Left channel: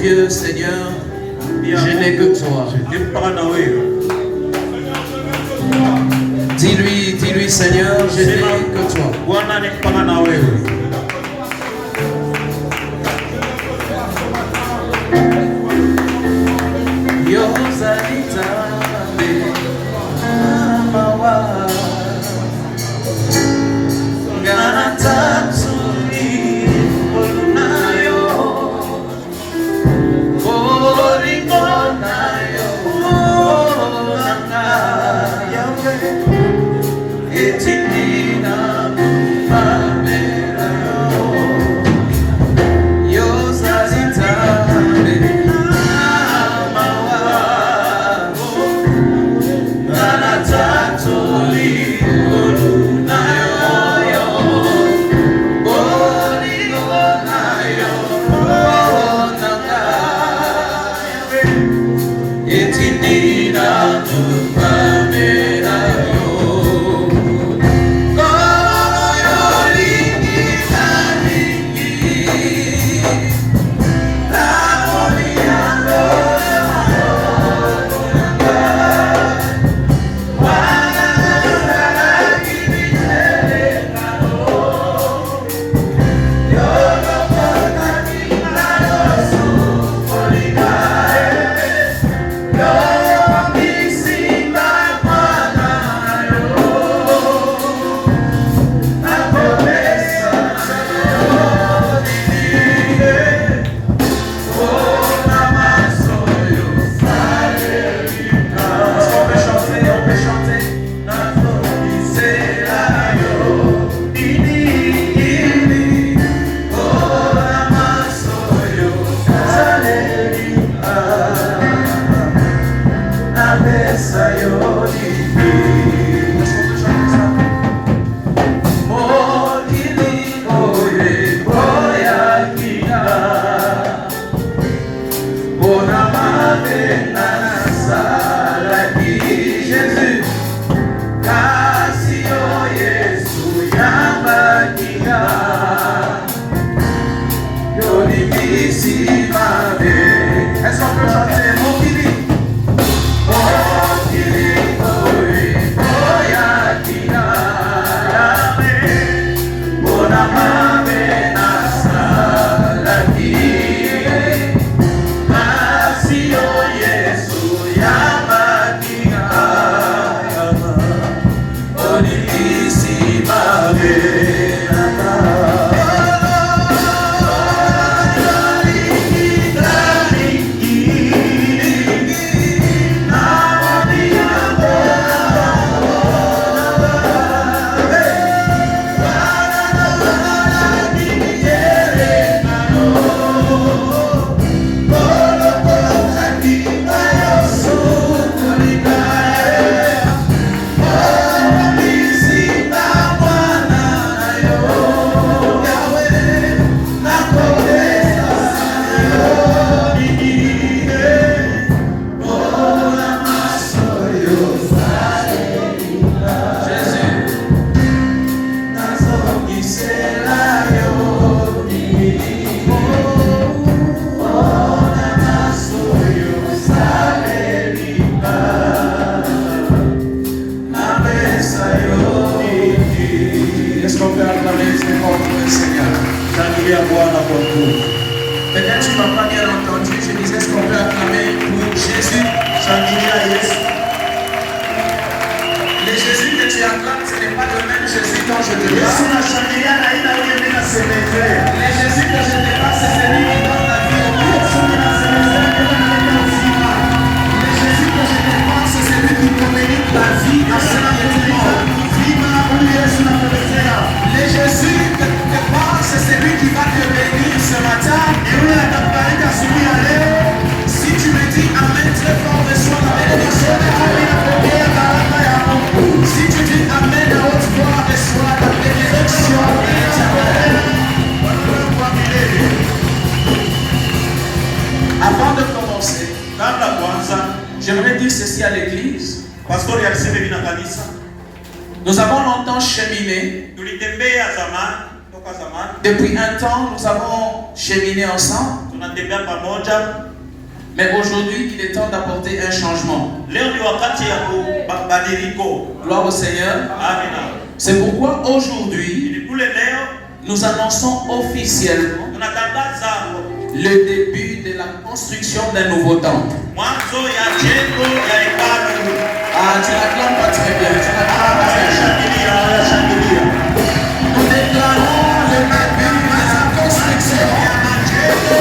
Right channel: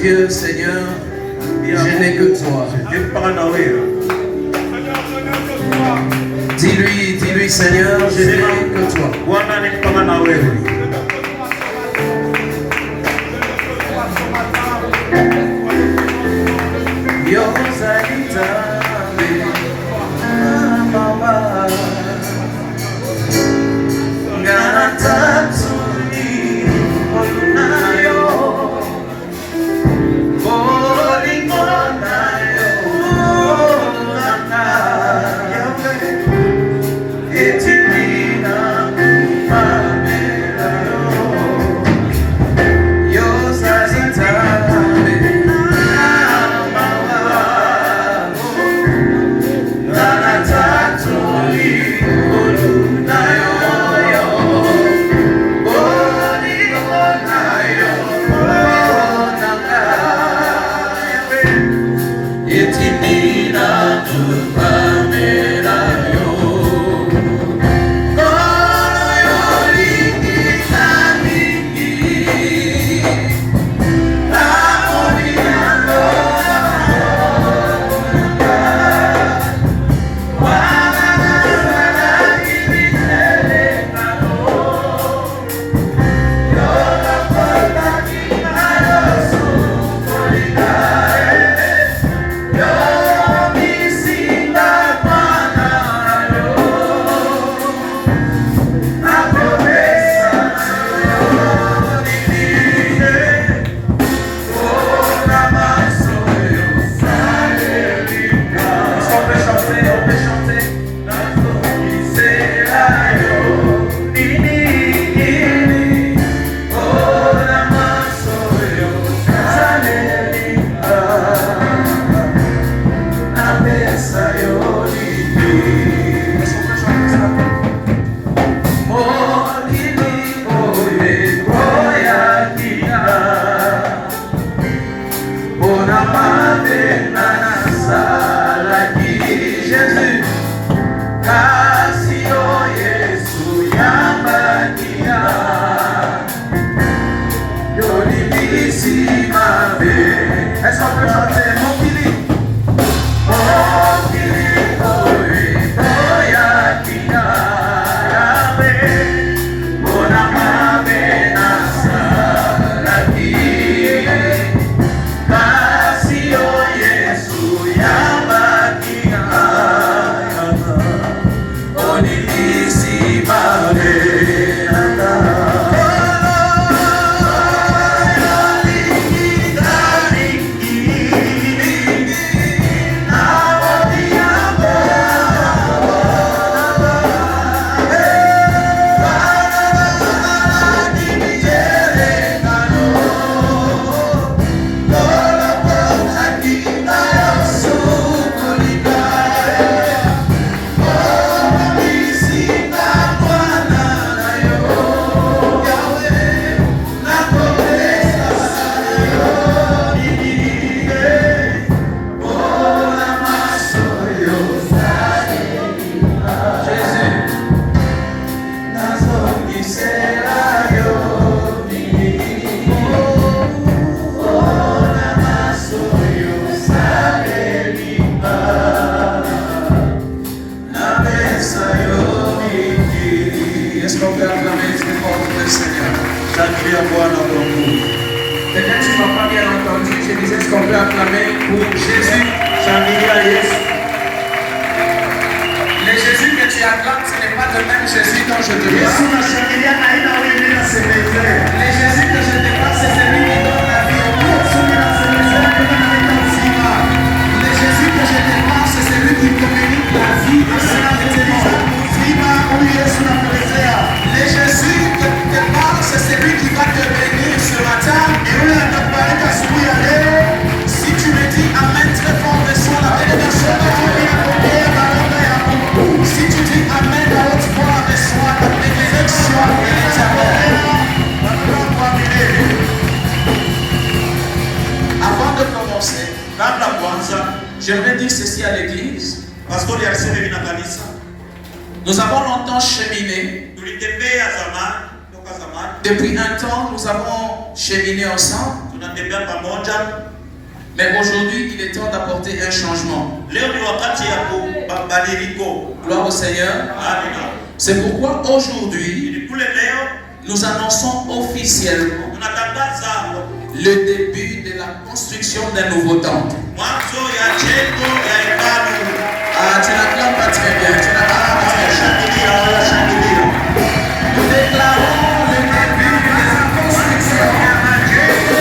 Dieu, Seigneur, je n'ai que toi. Dis-lui, Seigneur, je n'ai que toi. Peut-être tu m'as pas bien entendu, je disais ce qu'on peut acclamer pour Jésus. Le Jésus que tu acclames, ce n'est pas le même Jésus dont je te parle. Le Jésus que je te parle, c'est celui qui donne la vie au monde. Le Jésus que je te parle, c'est celui qui communique la vie à ceux qui te parlent. Le Jésus que tu te parles, c'est celui qui va te bénir ce matin. Si tu me dis Amen très fort, reçois la bénédiction de Dieu. Si tu dis Amen à haute voix, reçois la bénédiction de l'Éternel. Avant de commencer, j'aimerais dire ceci à l'église. Nous avons longtemps cheminé. Depuis un temps, nous avons cheminé ensemble. tunatembea pamoja. Mais aujourd'hui, il est temps d'apporter un changement. Leo ni wakati ya kubadiliko. Gloire au Seigneur. Amina. C'est pourquoi aujourd'hui, Ili kule leo nous annonçons officiellement tunatangaza le début de la construction d'un nouveau temple. mwanzo ya jengo ya hekalu. Ah, tu n'acclames pas très bien. Tu n'acclames pas très bien. Shangilia, shangilia. Nous déclarons le début de la construction d'un jengo.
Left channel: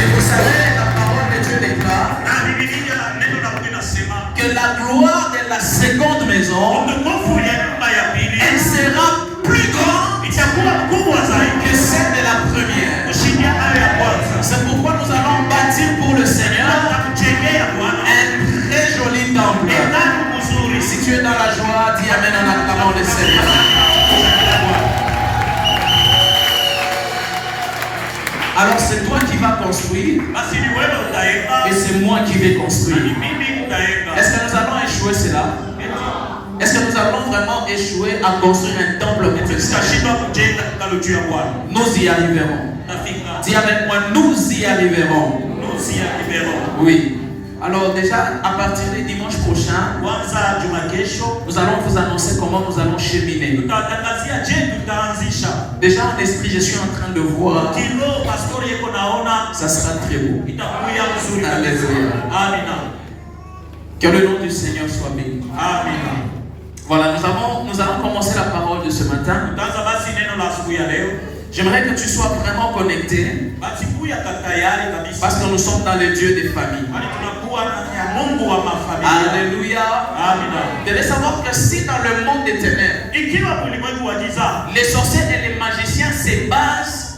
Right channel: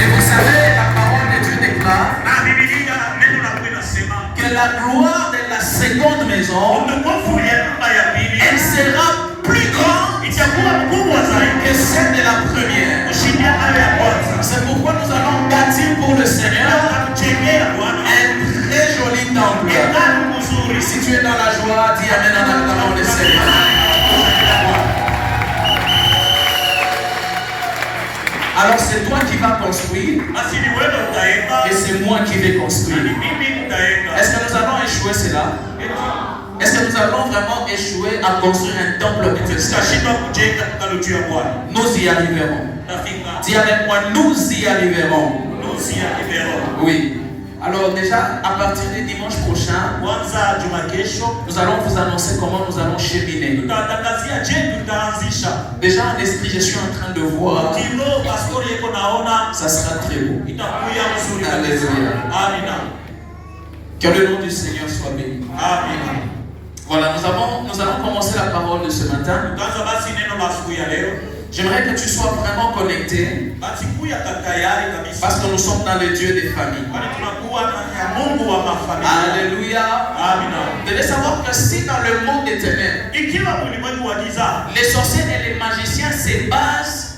Et vous savez, la parole de Dieu déclare Na Biblia neno la Mungu linasema que la gloire de la seconde maison, utukufu ya nyumba ya pili elle sera plus grande itakuwa mkubwa zaidi que celle de la première. kushindia hayo ya kwanza. C'est pourquoi nous allons bâtir pour le Seigneur Tunamjengea Bwana un très joli temple. hekalu mzuri. Si tu es dans la joie, dis Amen en acclamant le Seigneur. Alors c'est toi qui vas construire Basi ni wewe utaenda et c'est moi qui vais na construire. ni mimi nitaenda. Est-ce que nous allons échouer cela? Est-ce que nous allons vraiment échouer à construire un temple pour le Seigneur? Tutashinda kujenga hekalu juu ya Bwana. Nous y arriverons. Tafika. Dis avec moi, nous y arriverons. Nusu ya kibero. Oui. Alors déjà, à partir du dimanche prochain, Kwanza juma kesho nous allons vous annoncer comment nous allons cheminer. tutatangazia je tutaanzisha. Déjà en esprit, je suis en train de voir, Kilo pastori yeko naona ça sera très beau. itakuya mzuri. Alléluia. Amina. Que le nom du Seigneur soit béni. Amina. Voilà, nous allons commencer la parole de ce matin. Kwanza basi neno la siku ya leo. J'aimerais que tu sois vraiment connecté Basi kuya tayari kabisa. parce que nous sommes dans le Dieu des familles. Kwani tunakuwa ndani ya Mungu wa mafamilia. Alléluia. Amina. Vous devez savoir que si dans le monde des ténèbres, Ikiwa ulimwengu wa giza les sorciers et les magiciens se basent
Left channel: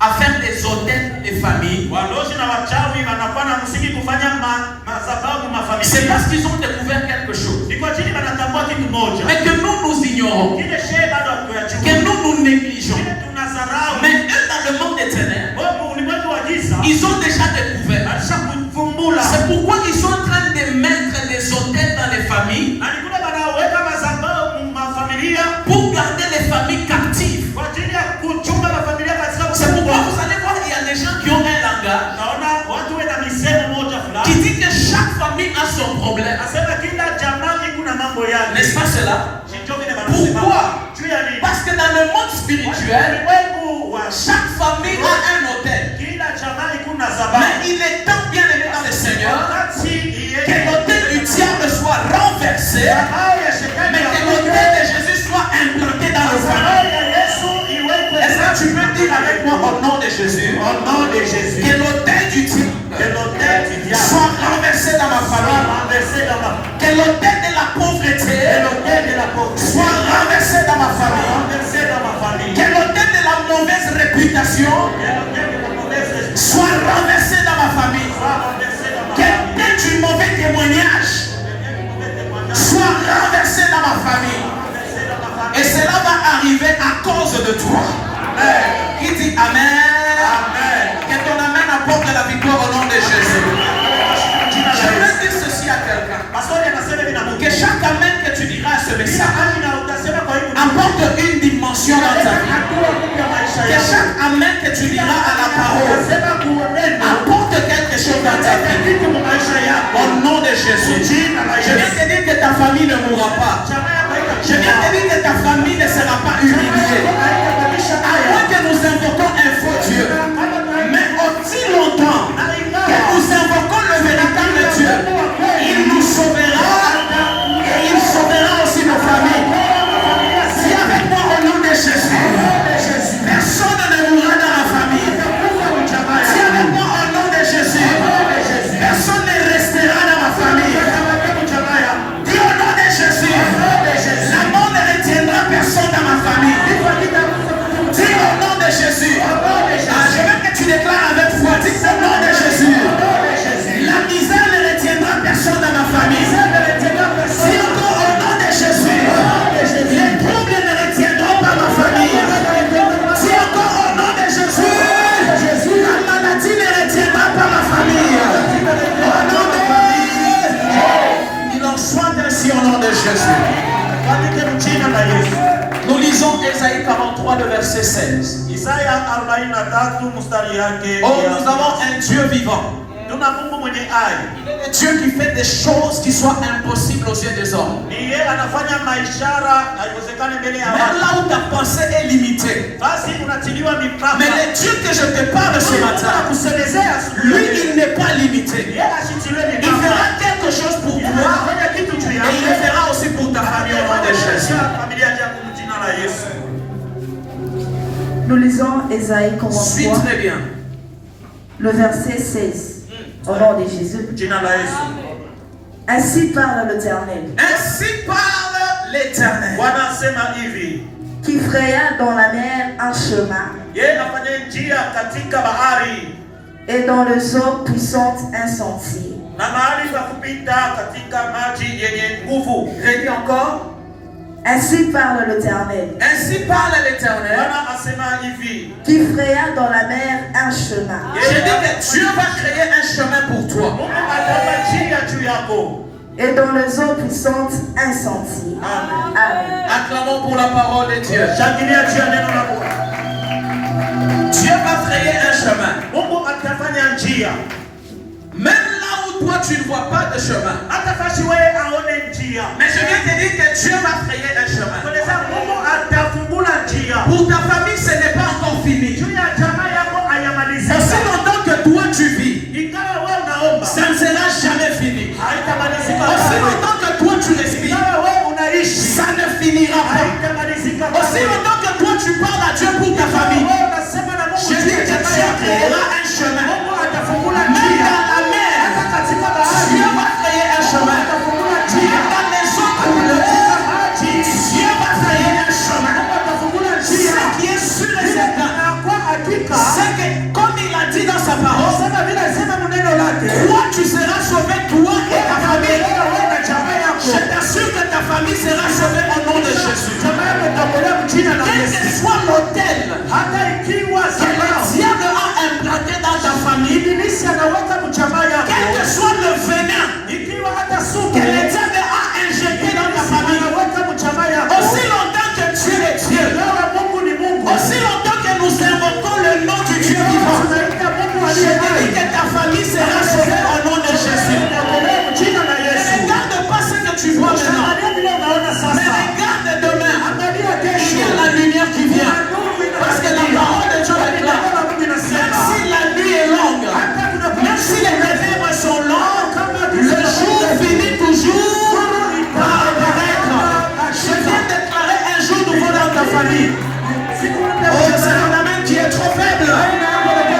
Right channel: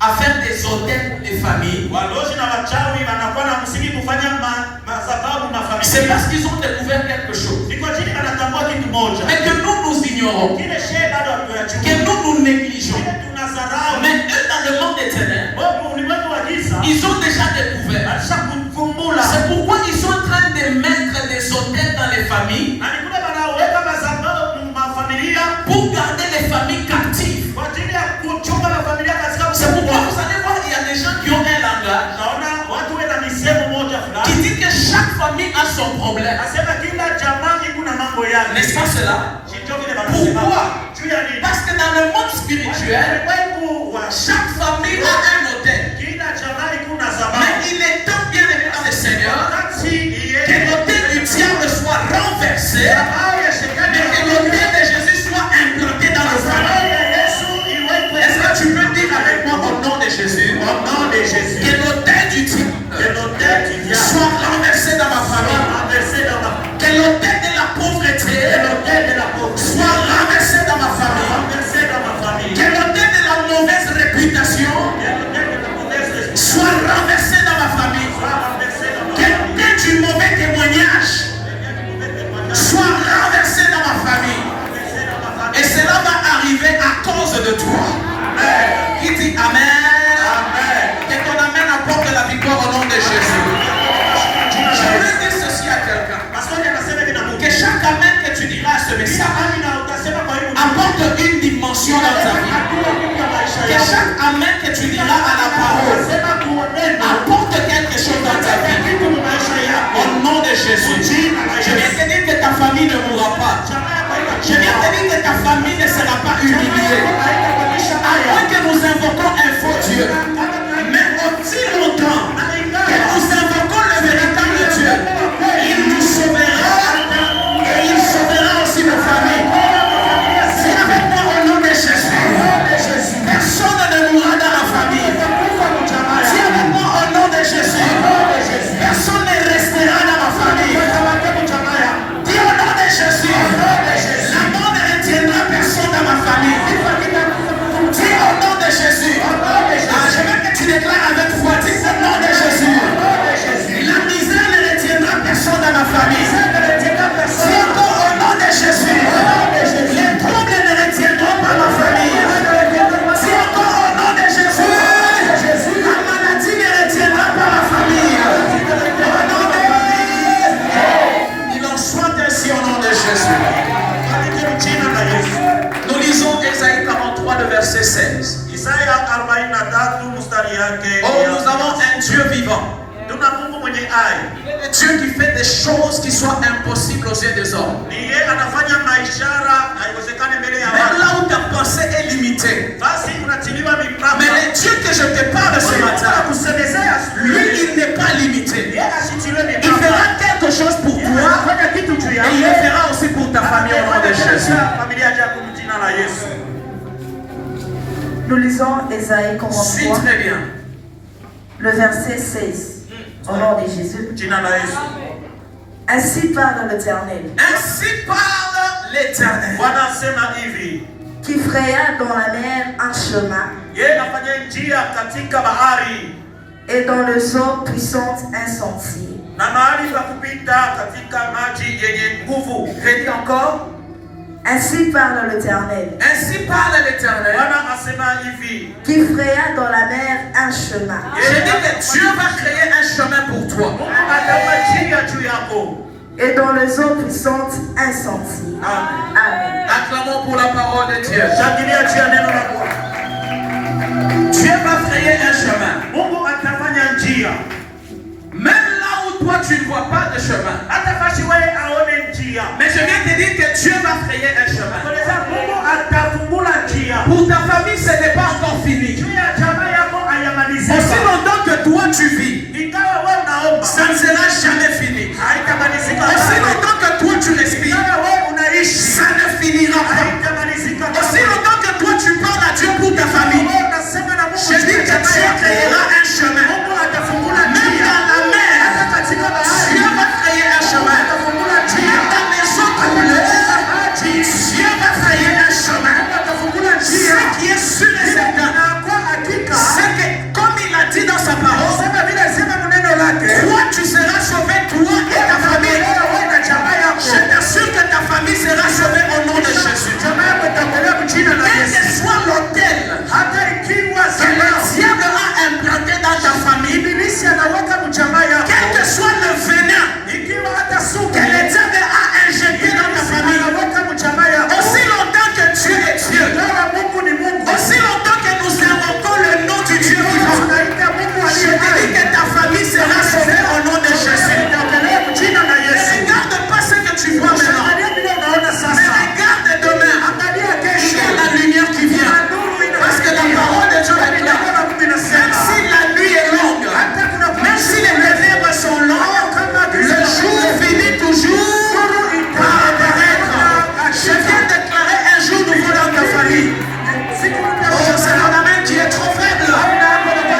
à faire des hôtels pour les familles, walozi na wachawi wanafanya msingi kufanya madhabahu c'est mafamilia. parce qu'ils ont découvert quelque chose. Ni kwa ajili wanatambua kitu moja. Mais que nous ignorons, Kile shehe bado hatuyachukua. que nous négligeons. Kile tunasarau. Mais eux, dans le monde des ténèbres, Wewe ulimwengu wa giza ils ont déjà découvert. alisha kufumbula. C'est pourquoi ils sont en train de mettre des hôtels dans les familles Na ni kule wanaweka madhabahu mafamilia pour garder les familles captives. kwa ajili ya kuchunga mafamilia katika C'est pourquoi mfungo. vous allez voir, il y a des gens qui ont un langage Naona watu wana misemo moja qui fulani. dit que chaque famille a son problème. Nasema kila jamaa kuna mambo yake. N'est-ce pas cela? Sio vile wanasema. Pourquoi? Juu ya nini? Parce que dans le monde spirituel, Ulimwengu wa chaque famille a un hôtel. kila jamaa kuna Mais sababu. il est temps, bien aimé dans le Seigneur, Wakati que l'hôtel du diable soit renversé, mais que l'hôtel de Jésus soit implanté dans nos familles. Est-ce que tu peux dire avec moi au nom de Jésus, Au nom de Jésus. que l'hôtel du diable soit renversé dans ma famille, que l'hôtel de la pauvreté soit renversé dans ma famille, que l'hôtel de la mauvaise réputation soit renversé dans ma famille, que du mauvais témoignage soit renversé dans ma famille. Et cela va arriver à cause de toi. Qui dit Amen? Que ton Amen apporte la victoire au nom de Jésus. Je veux dire ceci à quelqu'un. Que chaque Amen que tu diras à ce message apporte une dimension dans ta vie. Que chaque Amen que tu diras à la parole apporte quelque chose dans ta vie. Au nom de Jésus. Je viens te dire que ta famille ne mourra pas. Je viens te dire que ta famille ne sera pas humiliée. À moins que nous invoquons un faux Dieu. Mais aussi longtemps que nous invoquons le véritable Dieu, il nous sauvera et il sauvera aussi nos familles. Si avec moi au nom de Jésus, personne ne mourra dans la famille. Si avec moi au nom de Jésus, personne ne restera dans ma famille. Dis au nom de Jésus, la mort ne retiendra personne dans ma famille. Dis au nom de Jésus. Je veux que tu déclares avec foi. Dis au nom de Jésus. La misère ne retiendra personne dans ma famille. Dis encore au nom de Jésus. Les troubles ne retiendront pas ma famille. Dis encore au nom de Jésus. La maladie ne retiendra pas ma famille. Au nom de Jésus. Il en soit ainsi au nom de Jésus. Nous lisons Ésaïe 43, le verset 16. Isaya 43 mstari yake. Oh, nous avons un Dieu vivant. Tuna Mungu mwenye hai. Il est le Dieu qui fait des choses qui sont impossibles aux yeux des hommes. Ni yeye anafanya maishara haiwezekane mbele ya Même watu. là où ta pensée est limitée. Basi unatiliwa mipaka. Mais le Dieu que je te parle ce matin, Kusemezea asubuhi. lui, il n'est pas limité. Yeye asitiliwe Il mipaka. fera quelque chose pour Yeye toi anafanya kitu juu et yako. il le fera aussi pour ta famille au nom de Jésus. Familia yako kwa jina la Yesu. Nous lisons Ésaïe Suis commence très bien. le verset 16. Au nom de Jésus. Jina la Yesu. Ainsi parle l'Éternel, Ainsi parle l'Éternel. Bwana asema hivi. qui fraya dans la mer un chemin Yeye anafanya njia katika bahari et dans les eaux puissantes un sentier. na mahali pa kupita katika maji yenye nguvu. Je dis encore. Ainsi parle l'Éternel, Ainsi parle l'Éternel. Bwana asema hivi. qui fraya dans la mer un chemin Je dis que Dieu va créer un chemin pour toi. Mungu atafanya njia juu yako. et dans les eaux puissantes un sentier. Amen. Amen. Acclamons pour la parole de Dieu. Shangilia juu ya neno la Bwana. Dieu va créer un chemin. Mungu atafanya njia. Même là où toi tu ne vois pas de chemin. Hata basi wewe aone njia. Mais je viens te dire que Dieu va créer un chemin. Tunasema Mungu atafungula njia. Pour ta famille, ce n'est pas encore fini. Juu ya jamaa yako hayamalizika. Aussi longtemps que toi tu vis, Ingawa wewe unaomba, ça ne sera jamais fini. haitamalizika. Aussi longtemps que toi tu respires, Ingawa wewe unaishi, ça ne finira pas. haitamalizika. Aussi longtemps que toi tu parles à Dieu pour ta famille, Wewe unasema na Mungu, je dis que Dieu créera un chemin. Mungu atafungula Même njia. dans la mer, Hata katika bahari, Dieu va créer un chemin. atafungula Même njia. dans les eaux troublées, Dieu va créer un chemin. Atafungula njia. Ce qui est sûr et certain, Kwa hakika, c'est que comme il a dit dans sa parole, sema vile sema neno lake, toi tu seras sauvé, toi et ta famille. wewe na jamaa yako, Je t'assure que ta famille sera sauvée au nom de Jésus. jamaa yako itaokolewa kwa jina la Quel Yesu. que soit l'autel Hata ikiwa que le sema diable a implanté dans ta famille, ibilisi anaweka mjamaa yako, quel que soit le venin ikiwa hata sumu que le diable a injecté dans ta famille, anaweka mjamaa yako, aussi longtemps que Dieu est Dieu, kama Mungu ni Mungu, aussi longtemps que nous invoquons le nom du Dieu vivant, tunaita Mungu je aliye hai, dis que ta famille sera sauvée au nom de Jésus. itaokolewa kwa jina la Ne Yesu. regarde pas ce que tu vois maintenant, Angalia vile unaona mais sasa, regarde demain. angalia Il kesho, y a la lumière qui vient. nuru Parce que la inakuja. parole de Dieu est là. Neno la Mungu Même linasema, si la nuit est longue, hata kuna même si les ténèbres sont longues, le jour finit toujours par apparaître. Je viens déclarer un jour nouveau dans ta famille. Oh, c'est mon amène qui est trop faible.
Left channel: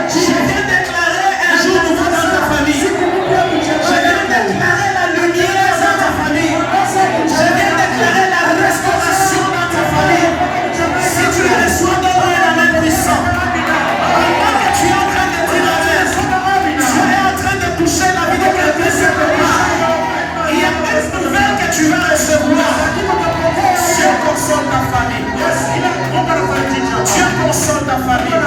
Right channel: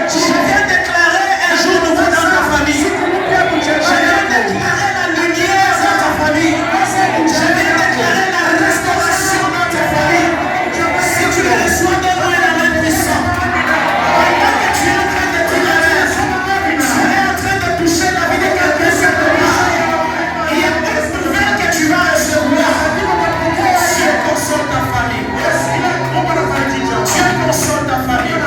Je viens déclarer un jour nouveau dans ta famille. Je viens déclarer la lumière dans ta famille. Je viens déclarer la restauration dans ta famille. Si tu reçois de moi la main puissante, pendant que tu es en train de traverser, tu es en train de toucher la vie de quelqu'un cette nuit. Il y a une nouvelle que tu vas recevoir. Dieu console ta famille. Dieu console ta famille.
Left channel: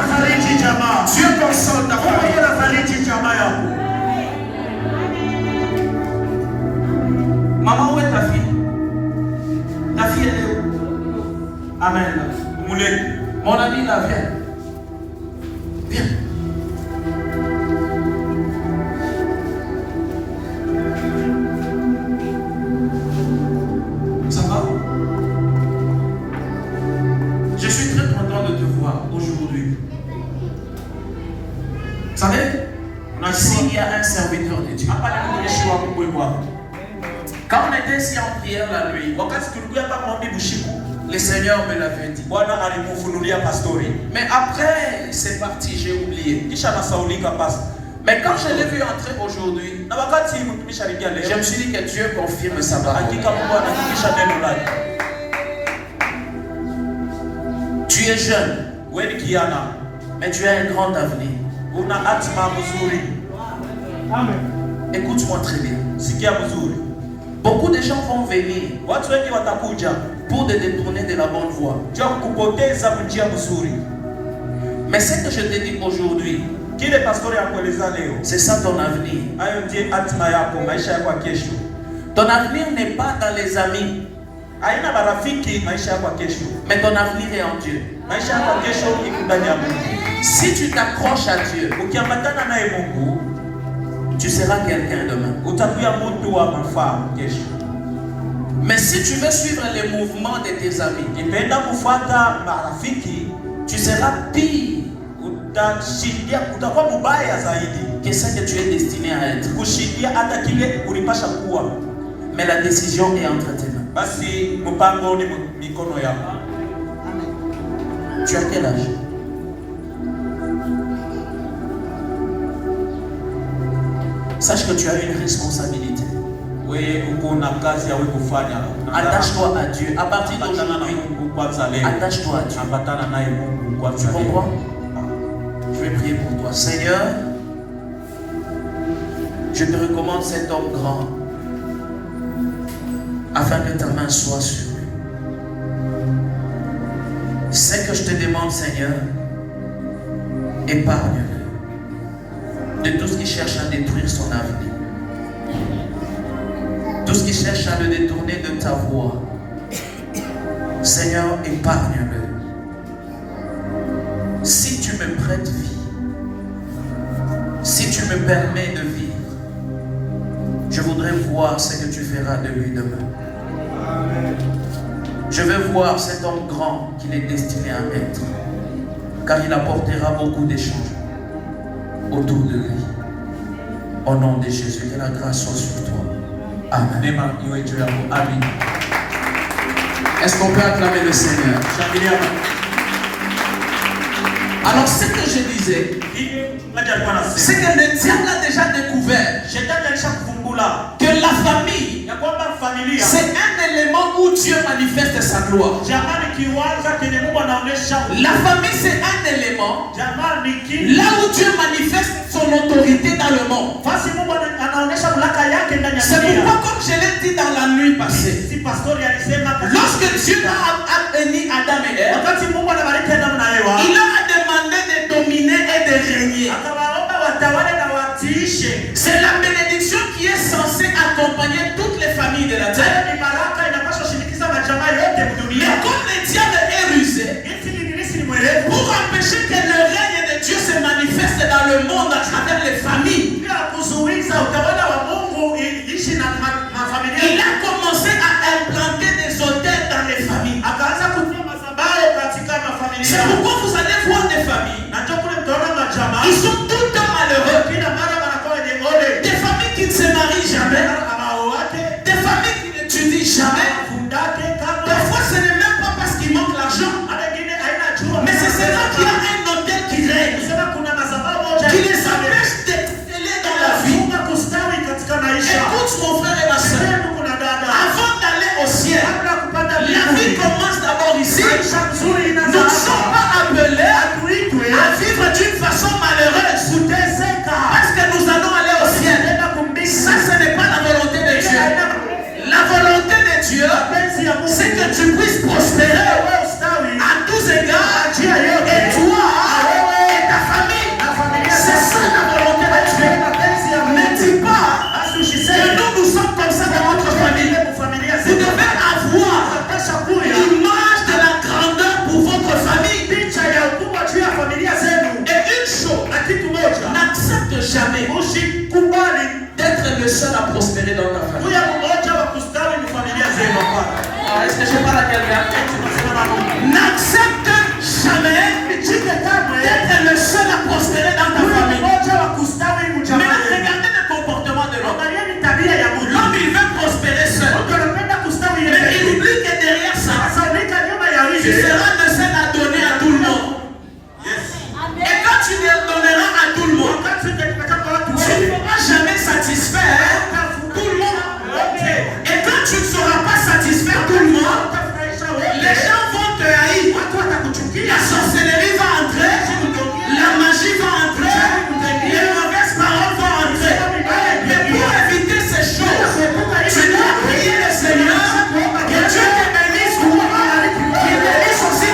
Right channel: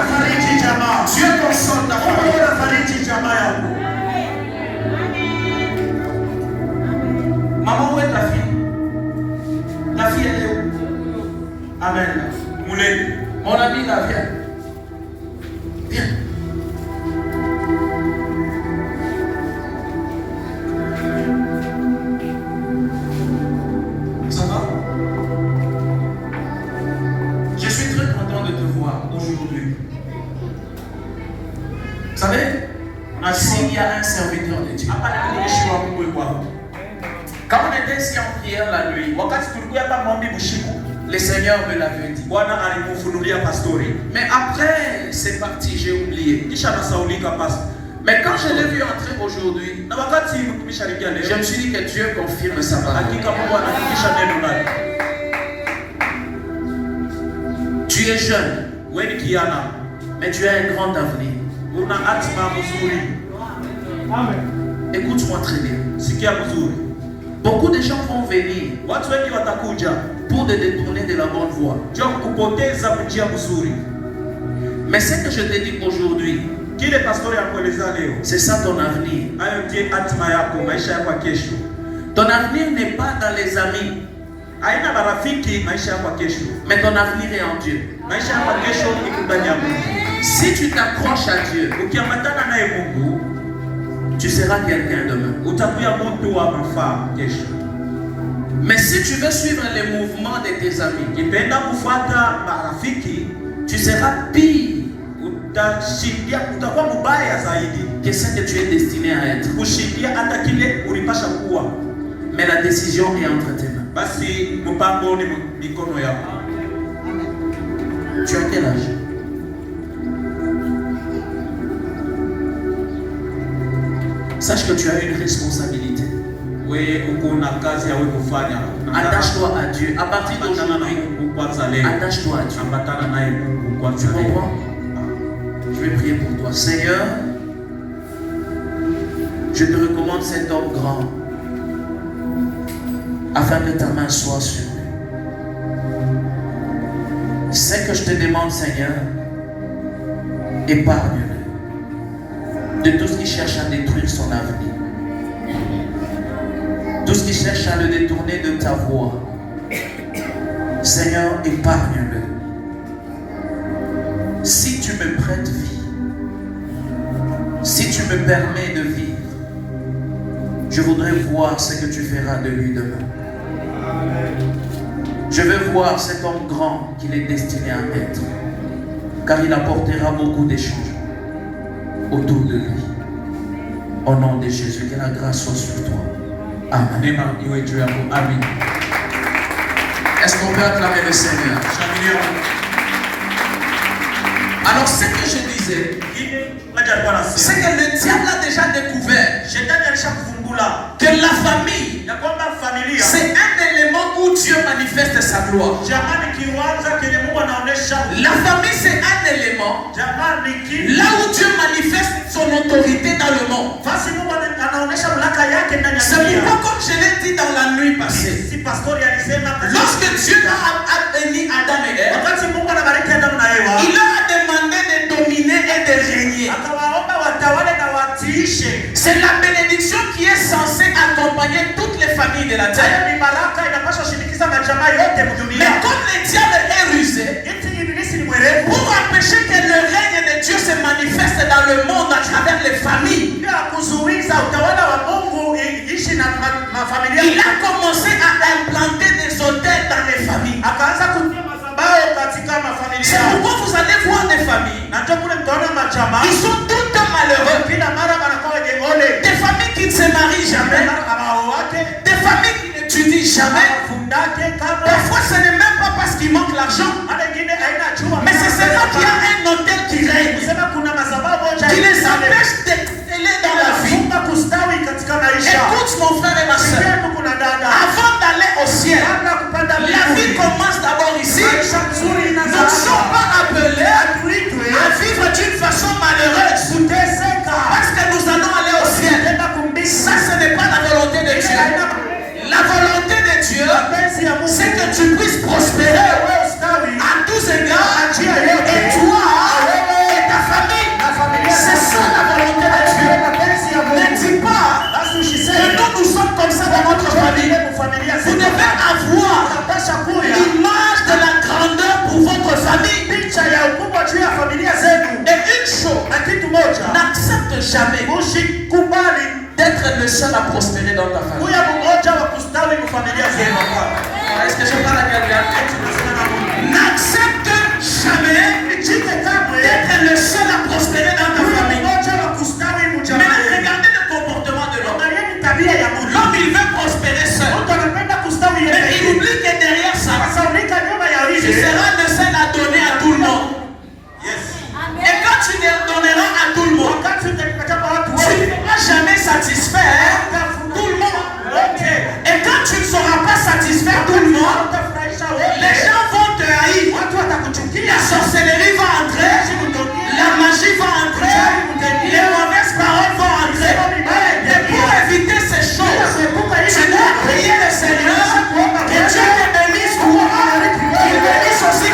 Dieu console ta famille. Maman, où est ta fille? Ta fille, elle est où? Amen. Mon ami, là, viens. Viens. Ça va? Je suis très content de te voir aujourd'hui. Vous savez, s'il y a un serviteur de Dieu, quand on était ici en prière la nuit, le Seigneur me l'avait dit. Mais après, c'est parti, j'ai oublié. Mais quand je l'ai vu entrer aujourd'hui, je me suis dit que Dieu confirme sa parole. Tu es jeune, mais tu as un grand avenir. Écoute-moi très bien. Beaucoup de gens vont venir pour te détourner de la bonne voie. Mais ce que je te dis aujourd'hui, c'est ça ton avenir. Ton avenir n'est pas dans les amis. Haina marafiki maisha yako kesho. Mais ton avenir est en Dieu. Maisha yako kesho iko ndani ya Mungu. Si tu t'accroches à Dieu, Ukiambatana naye Mungu, tu seras quelqu'un demain. utakuwa mtu wa mfaa kesho. Mais si tu veux suivre les mouvements de tes amis, Ukipenda kufuata marafiki, tu seras pire utakuwa mbaya zaidi que ce que tu es destiné à être. kushindia hata kile ulipasha kuwa. Mais la décision est entre tes mains. Basi mpango ni mikono yako. Tu as quel âge? Sache que tu as une responsabilité. Attache-toi à Dieu. À partir d'aujourd'hui, attache-toi à Dieu. Tu comprends? Je vais prier pour toi. Seigneur, je te recommande cet homme grand afin que ta main soit sur lui. C'est que je te demande, Seigneur, épargne-le de tout ce qui cherche à détruire son avenir. Tout ce qui cherche à le détourner de ta voie. Seigneur, épargne-le. Si tu me prêtes vie, si tu me permets de vivre, je voudrais voir ce que tu feras de lui demain. Je veux voir cet homme grand qu'il est destiné à être, car il apportera beaucoup de changements autour de lui. Au nom de Jésus, que la grâce soit sur toi. Amen. Amen. Est-ce qu'on peut acclamer le Seigneur? Alors, ce que je disais, c'est que le diable a déjà découvert que la famille, c'est un élément où Dieu manifeste sa gloire. La famille, c'est un élément là où Dieu manifeste son autorité dans le monde. C'est pourquoi, comme je l'ai dit dans la nuit passée, lorsque Dieu a béni Adam et Ève, il leur a demandé de dominer et de régner. C'est la bénédiction qui est censée accompagner toutes les familles de la terre. Mais comme le diable est rusé, pour empêcher que le règne de Dieu se manifeste dans le monde à travers les familles, il a commencé à implanter des hôtels dans les familles. C'est pourquoi vous allez voir des familles, ils sont tout le temps malheureux. Des familles qui ne se marient jamais, des familles qui n'étudient jamais. Parfois ce n'est même pas parce qu'il manque l'argent, mais c'est seulement qu'il y a un hôtel qui règne, qui les empêche d'exceller dans la vie. Écoute mon frère et ma soeur, avant d'aller au ciel, la vie commence d'abord ici. Nous ne sommes pas appelés à vivre d'une façon malheureuse parce que nous allons aller au ciel. Ça, ce n'est pas la volonté de Dieu. La volonté de Dieu, c'est que tu puisses prospérer à tous égards, et toi et ta famille. C'est ça la volonté de Dieu. Ne dis pas que nous sommes comme ça dans notre famille. Vous devez avoir l'image de la grandeur pour votre famille. Et une chose, n'accepte jamais d'être le seul à prospérer dans ta famille. Est-ce que je parle à quelqu'un? N'accepte jamais d'être le seul à prospérer dans ta famille. Mais regardez le comportement de l'homme. L'homme, il veut prospérer seul. Mais il oublie que derrière ça, tu seras le seul à donner à tout le monde. Et quand tu donneras à tout le monde, tu ne seras jamais satisfaire tout le monde. Et quand tu ne seras pas satisfaire tout le monde, les gens vont te haïr. La sorcellerie va entrer, la magie va entrer, les mauvaises paroles vont entrer. Et pour éviter ces choses, tu dois prier le Seigneur, que Dieu te bénisse, qu'il bénisse aussi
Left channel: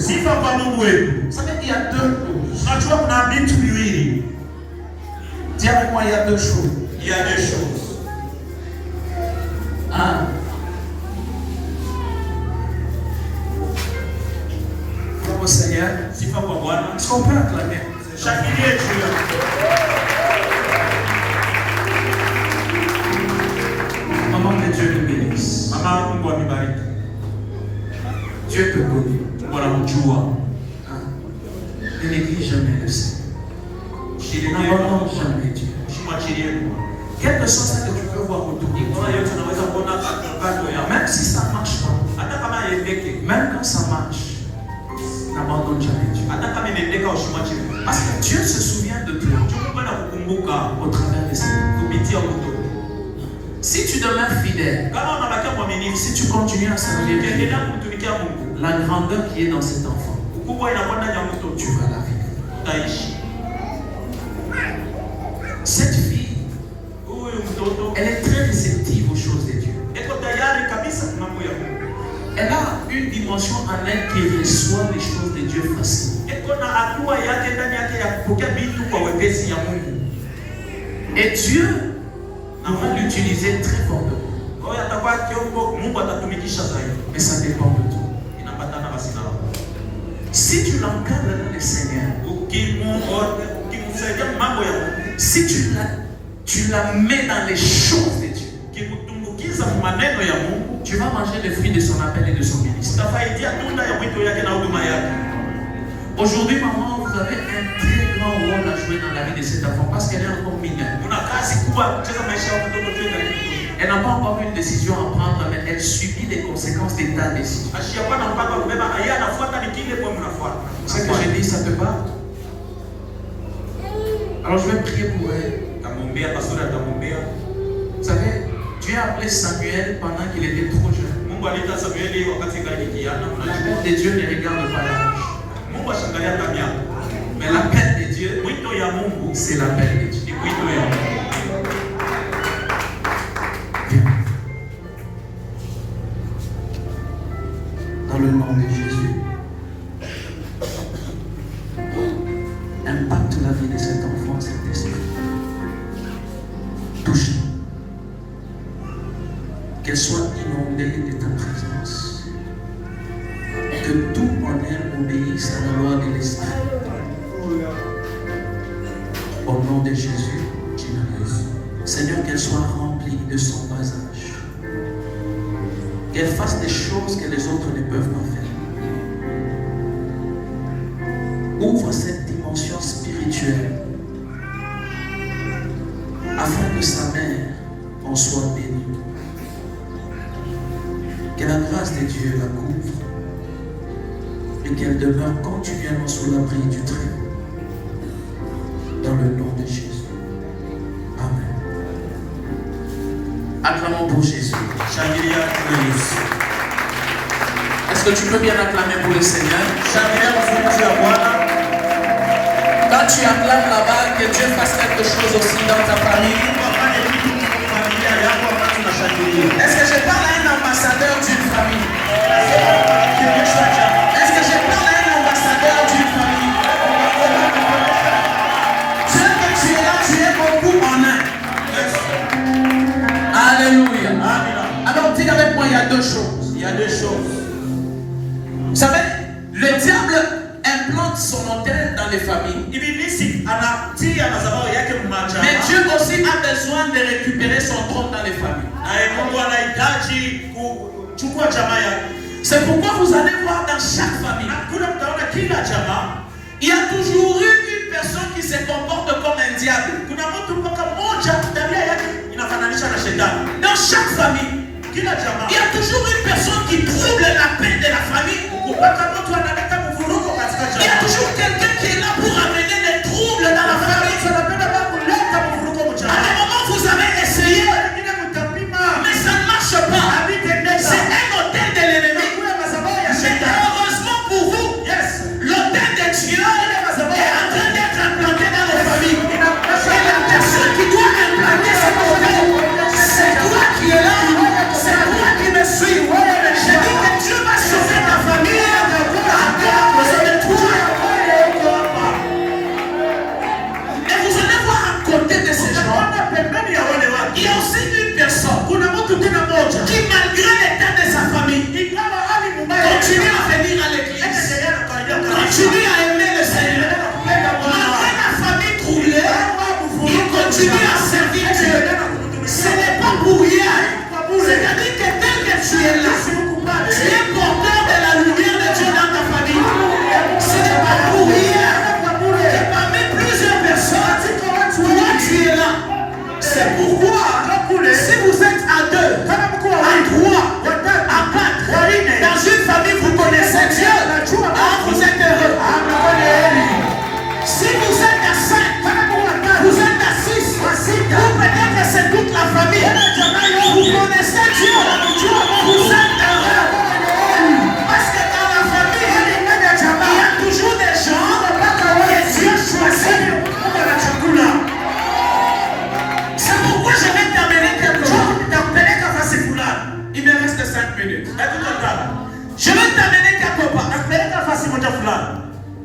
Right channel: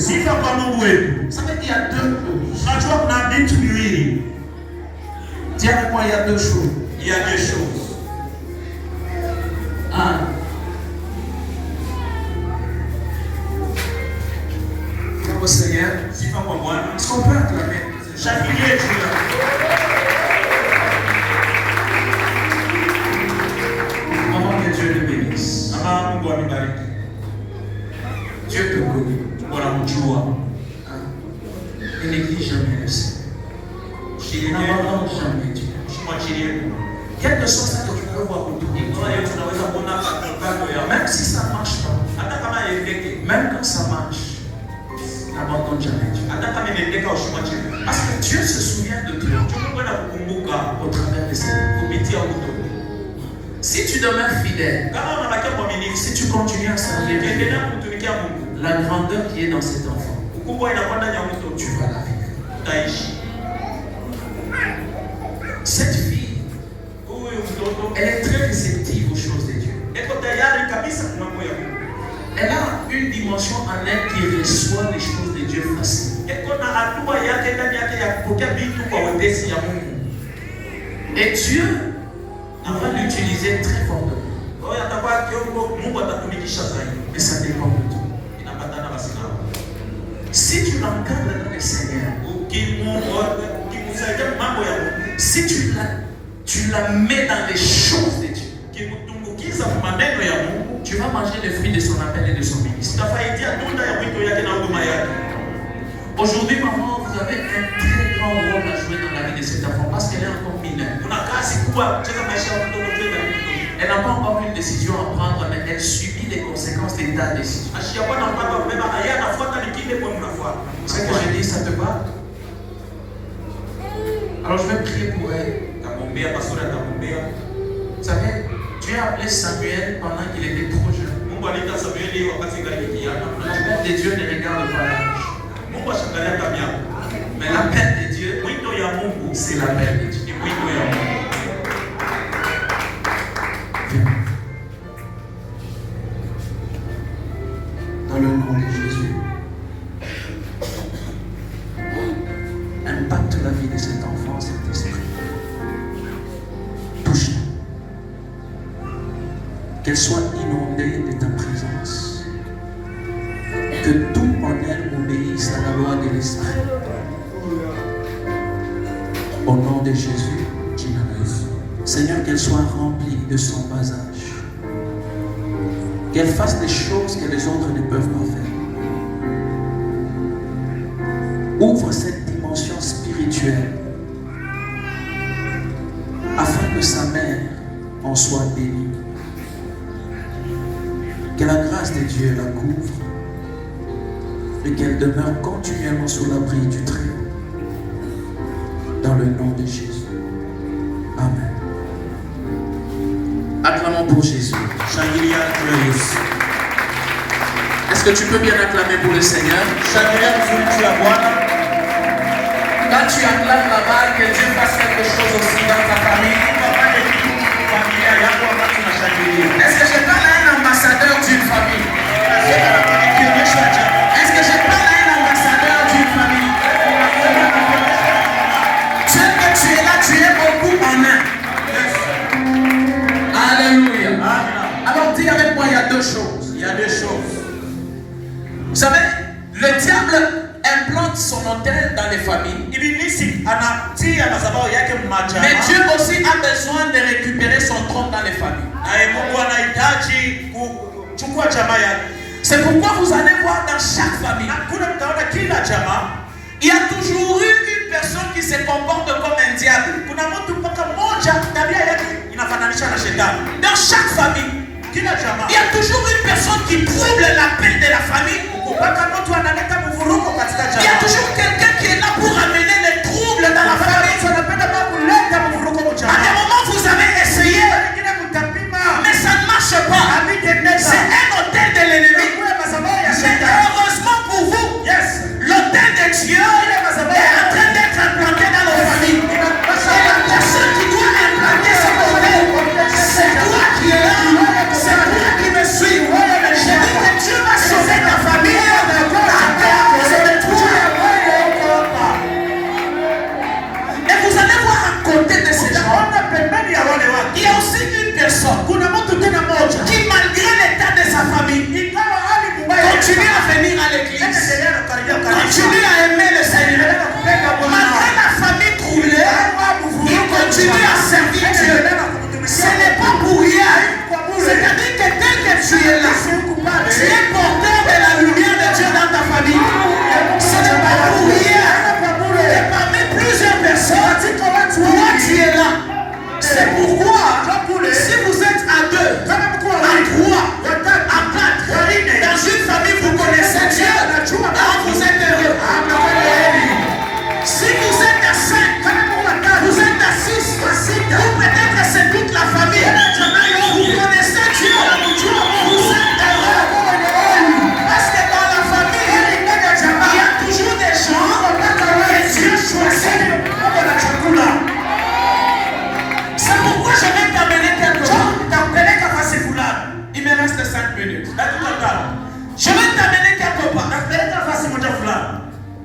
miséricorde. Sifa kwa Mungu wetu. Vous savez, il y a deux choses. Unajua kuna vitu viwili. Dis avec moi, il y a deux choses. Il y a deux choses. Un. Bravo Seigneur. Sifa kwa Bwana. Est-ce qu'on peut acclamer? Shangilie juu Maman que Dieu te bénisse. Mama Mungu amibariki. Dieu te connaît. Wanamjua. Ne néglige jamais le Seigneur. N'abandonne jamais Dieu. Usimwachilie. Quelle que soit ce que tu peux voir autour de toi, Kama yote unaweza kuona kando ya même si ça ne marche pas, hata kama yendeke. même quand ça marche, n'abandonne jamais Dieu. Hata kama imendeka usimwachilie. Parce que Dieu se souvient de toi Mungu anakukumbuka au travers de ses œuvres. kupitia mtu. Si tu demeures fidèle, Kama unabakia mwaminifu, si tu continues à servir Dieu, ukiendelea kumtumikia Mungu, la grandeur qui est dans cet enfant, ukubwa inakuwa ndani ya mtu, tu vas la vivre. utaishi. Cette fille, Huyu mtoto elle est très réceptive aux choses de Dieu. eko tayari kabisa kwa mambo ya Mungu. Elle a une dimension en elle qui reçoit les choses de Dieu facilement. Eko na hatua yake ndani yake ya kupokea vitu kwa wepesi ya Mungu. Et Dieu va l'utiliser très fortement. Kwa hiyo atakuwa kiungo, Mungu atatumikisha zaidi. Mais ça dépend de toi. Inapatana basi nao. Si tu l'encadres dans le Seigneur, Ukimsaidia mambo ya Mungu, si tu la mets dans les choses de Dieu, ukimtumbukiza maneno ya Mungu, tu vas manger le fruit de son appel et de son ministère. utafaidia tunda ya mwito yake na huduma yake. Aujourd'hui, maman, vous avez un très grand rôle à jouer dans la vie de cet enfant parce qu'elle est encore mineure. Kuna kazi kubwa kucheza maisha ya mtoto tu ndani mtoto. Elle n'a pas encore une décision à prendre, mais elle subit les conséquences de ta décision. Ashiyakuwa na mpango wa kubeba aya anafuata nikinde kwa mnafuata. Ce que je dis, ça te va? Alors je vais prier pour elle. Tamwombea pastori atamwombea. Vous savez, Dieu a appelé Samuel pendant qu'il était trop jeune. Mungu aliita Samueli wakati ngali kijana. L'appel de Dieu ne regarde pas l'âge. Mungu ashangalia miaka. Mais l'appel de Dieu, Mwito ya Mungu c'est l'appel de Dieu. ni mwito ya Mungu. Viens. Dans le nom de Jésus, impacte la vie de cet enfant, cet esprit. Touche-la. Qu'elle soit inondée de ta présence. Que tout en elle obéisse à la loi de l'esprit. Au nom de Jésus, Seigneur, qu'elle soit remplie de son bas âge. Qu'elle fasse des choses que les autres ne peuvent pas faire. Ouvre cette dimension spirituelle afin que sa mère en soit bénie. Que la grâce de Dieu la couvre et qu'elle demeure continuellement sous l'abri du Très-Haut. Dans le nom de Jésus. Amen. Acclamons pour Jésus. Shangilia kwa Yesu. Est-ce que tu peux bien acclamer pour le Seigneur? Shangilia mzuri ya Bwana. Quand tu acclames là-bas, que Dieu fasse quelque chose aussi dans ta famille. Fanye kitu kwa familia yako wakati unashangilia. Est-ce que je parle à un ambassadeur d'une famille? Est-ce que je parle à un ambassadeur d'une famille? Dieu que tu es là, tu es beaucoup en un. Alléluia. Alors dis avec moi, il y a deux choses. Il y a deux choses. Vous savez, le diable implante son hôtel dans les familles. Ibilisi anatia mazao yake mmaja. Mais Dieu aussi a besoin de récupérer son trône dans les familles. Na Mungu anahitaji kuchukua jamaa yake. C'est pourquoi vous allez voir dans chaque famille, Na kuna mtaona kila jamaa il y a toujours eu une personne qui se comporte comme un diable. kuna mtu mpaka mmoja tabia yake inafananisha na shetani. Dans chaque famille, Kila jamaa il y a toujours une personne qui trouble la paix de la famille. mpaka mtu analeta mvurugo katika Il y a jamaa. toujours quelqu'un qui est là pour amener les troubles dans la famille. Mtu anapenda baba kuleta mvurugo kwa À jamaa. des moments, vous avez essayé, Wengine kutapima mais ça ne marche pas. C'est un hôtel de l'ennemi. Mais heureusement pour vous, l'hôtel de Dieu est en train d'être implanté dans nos familles. Et la personne qui doit implanter cet hôtel, c'est toi qui es là, c'est toi qui me suis. Je dis que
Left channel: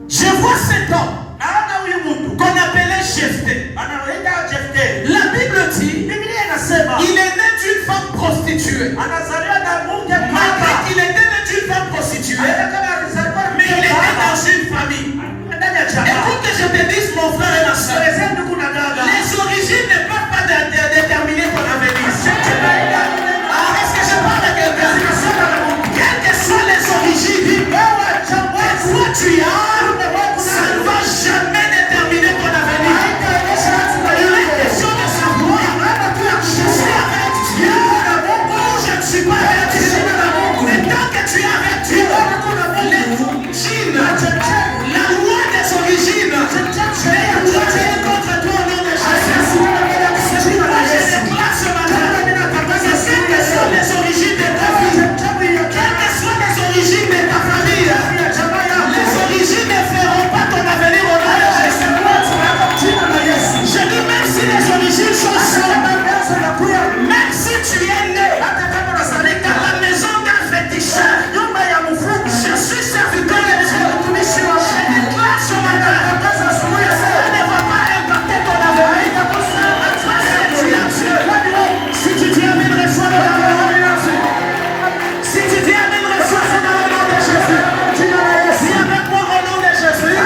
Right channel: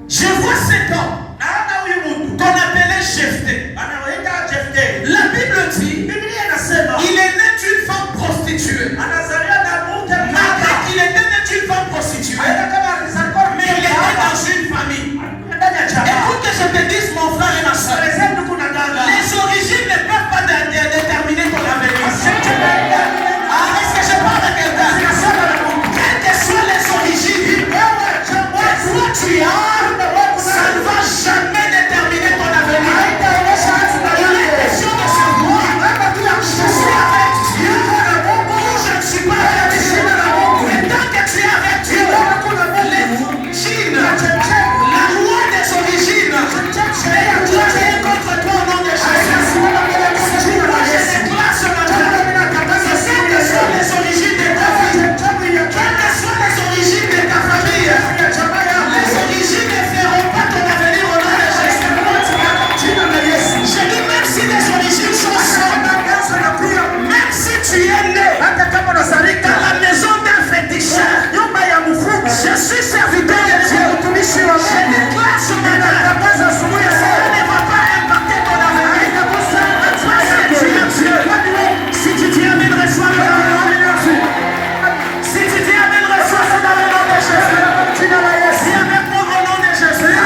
Je vois cet homme qu'on appelait Jephthé. La Bible dit il est né d'une femme prostituée. Malgré qu'il était né d'une femme prostituée, mais il était dans une famille. Écoute que je te dise, mon frère et ma soeur, les origines ne peuvent pas déterminer ton avenir. Est-ce que je parle à quelqu'un? Quelles que soient les origines, quoi tu as, ça ne va jamais déterminer ton avenir. La question de savoir, je suis avec Dieu ou je ne suis pas avec Dieu. Mais tant que tu es avec Dieu, les origines, la loi des origines, je vais agir contre toi au nom de Jésus. Je déclare ce matin, quelles que soient les origines de ta vie, quelles que soient les origines de ta famille, les origines ne feront pas ton avenir au nom de Jésus. Je dis même si les origines sont simples, même si tu es né dans la maison d'un féticheur, je suis serviteur de Dieu. Je déclare ce matin, ça ne va pas impacter ton avenir. Parce que tu es Dieu. Si tu dis amen, reçois le nom. Si tu dis amen, reçois c'est dans le nom de Jésus. Si avec moi au nom de Jésus,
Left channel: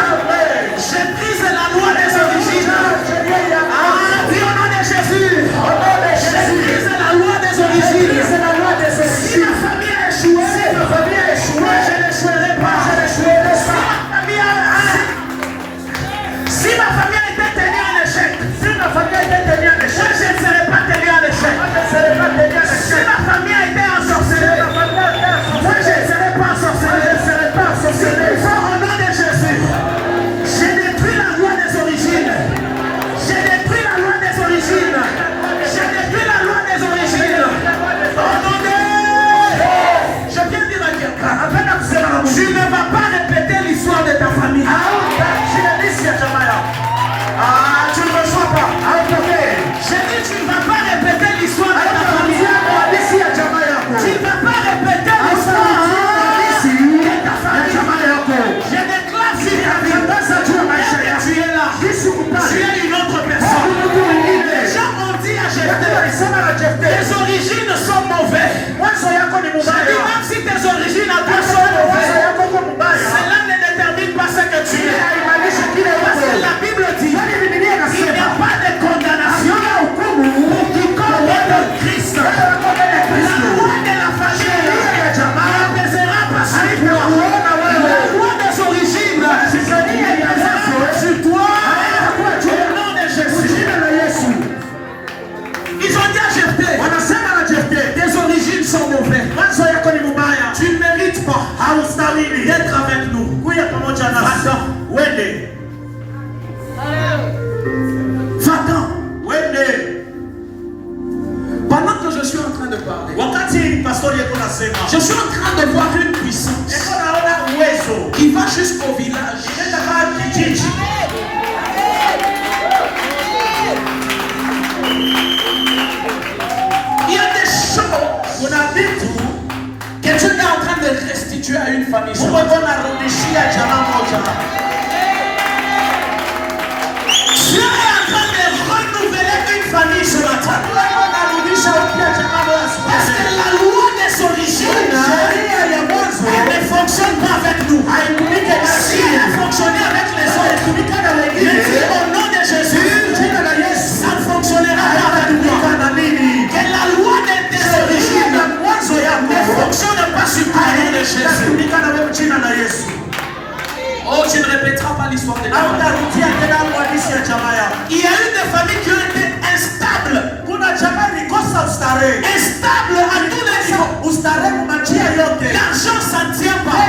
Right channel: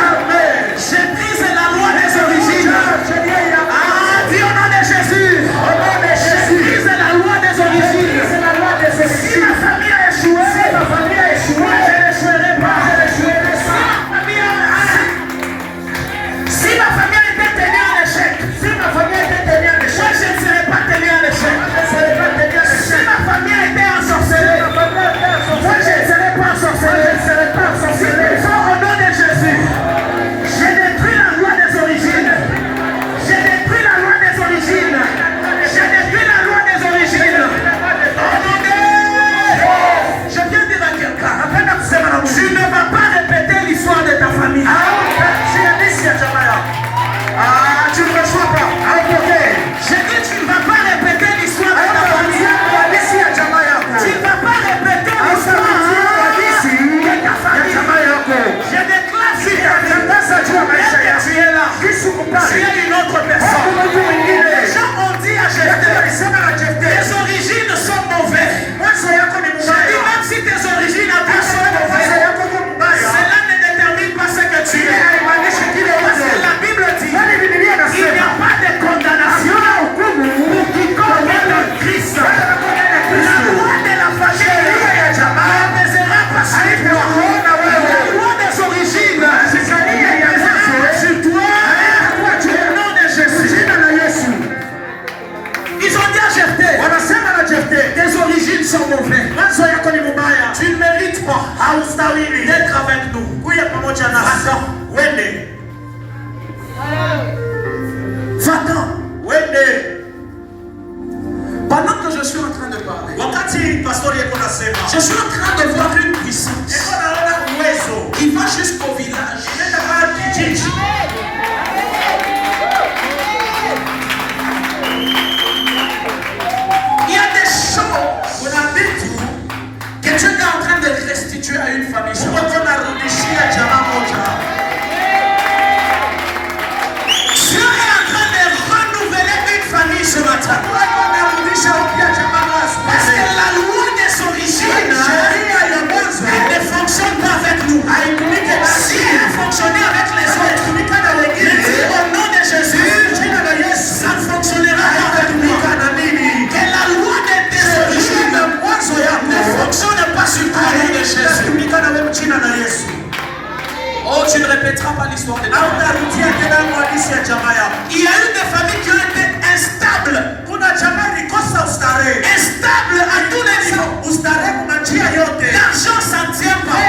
je brise la loi des origines. Dis au nom de Jésus. Je brise la loi des origines. Si ma famille a échoué, moi je n'échouerai pas. Si ma famille a été tenue en échec, moi je ne serai pas tenue en échec. Si ma famille a été ensorcelée, moi je ne serai pas ensorcelée. Au nom de Jésus, j'ai détruit la loi des origines. J'ai détruit la loi des origines. J'ai détruit la loi des origines. Au nom de... Je viens dire à quelqu'un, tu ne vas pas répéter l'histoire de ta famille. Tu ne me reçois pas. J'ai dit tu ne vas pas répéter l'histoire de ta famille. Tu ne vas pas répéter l'histoire de ta famille. Je déclare sur ta vie. Tu es là. Tu es une autre personne. Les gens ont dit à Jephthé, tes origines sont mauvaises. J'ai dit même si tes origines à toi sont mauvaises, cela ne détermine pas ce que tu es. Parce que la Bible dit il n'y a pas de condamnation pour quiconque est dans Christ. La loi de la famille apaisera par sur toi. La loi des origines apaisera sur toi. Au nom de Jésus. Ils ont dit à Jephthé, tes origines sont mauvaises. Tu ne mérites pas d'être avec nous. Va-t'en. Pendant que je suis en train de parler, je suis en train de voir une puissance qui va jusqu'au village. Il y a des choses que Dieu est en train de restituer à une famille. Dieu est en train de renouveler une famille ce matin. Parce que la loi des origines, elle ne fonctionne pas avec nous. Si elle a fonctionné avec les autres, il dit au nom de Jésus, ça ne fonctionnera pas avec nous. Que la loi des origines ne fonctionne pas sur toi au nom de Jésus. Oh, tu ne répéteras pas l'histoire de ta famille. Il y a eu des familles qui ont été instables. Instables à tous les niveaux. L'argent ça ne tient pas.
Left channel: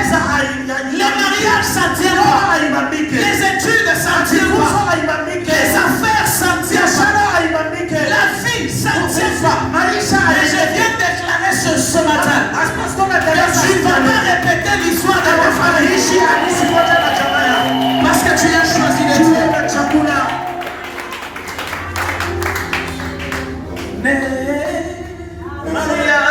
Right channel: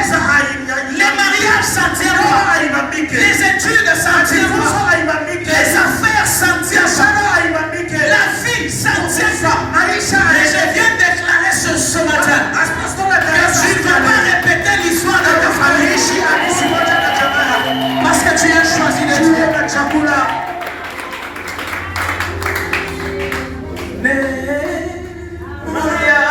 Les mariages ça ne tient pas. Les études ça ne tient pas. Les affaires ça ne tient pas. La vie ça ne tient pas. Et je viens déclarer ce matin que tu ne vas pas répéter l'histoire de ta famille. Parce que tu as choisi le Dieu. Maria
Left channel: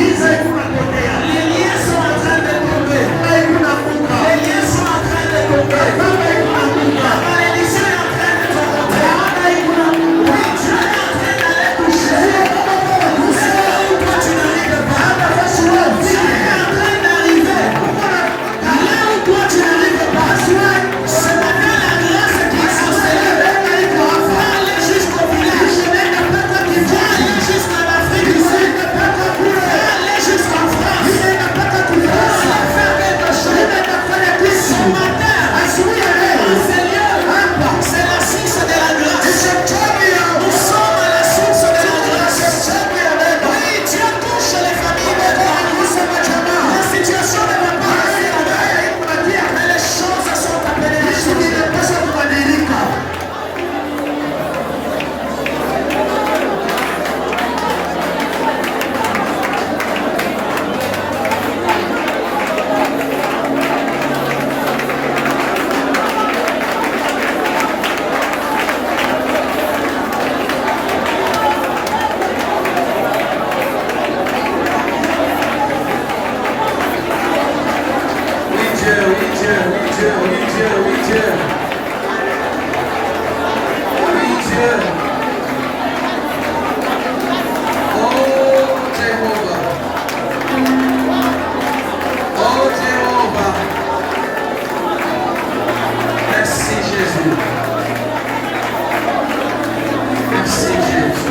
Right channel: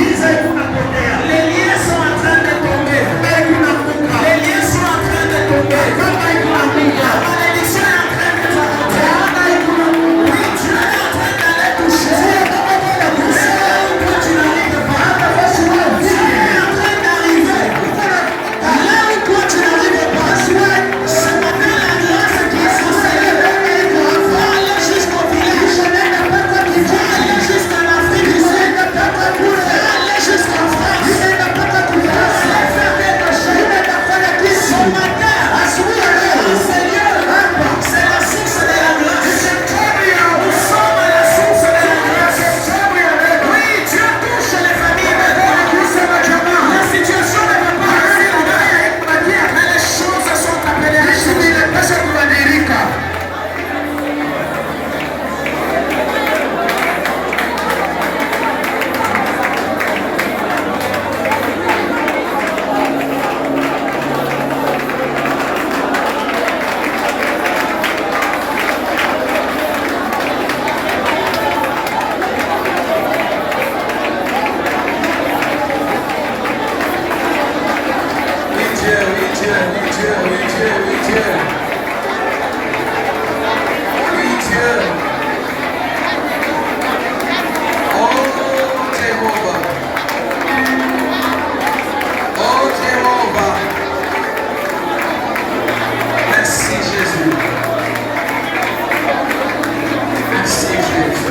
Les liens sont en train de tomber. Les liens sont en train de tomber. La malédiction est en train de tomber. Oui, Dieu est en train d'aller toucher. Là où toi tu n'arrives pas. Dieu est en train d'arriver. Là où toi tu n'arrives pas. Ce matin, la grâce est transférée. On va aller jusqu'au village. On va aller jusqu'à l'Afrique du Sud. On va aller jusqu'en France. On va aller faire quelque chose. Ce matin, Seigneur, c'est la source de la grâce. Nous sommes à la source de la grâce. Oui, Dieu touche les familles maintenant. La situation ne va pas rester. Mais les choses sont appelées à changer. Merci Jésus. Merci Jésus.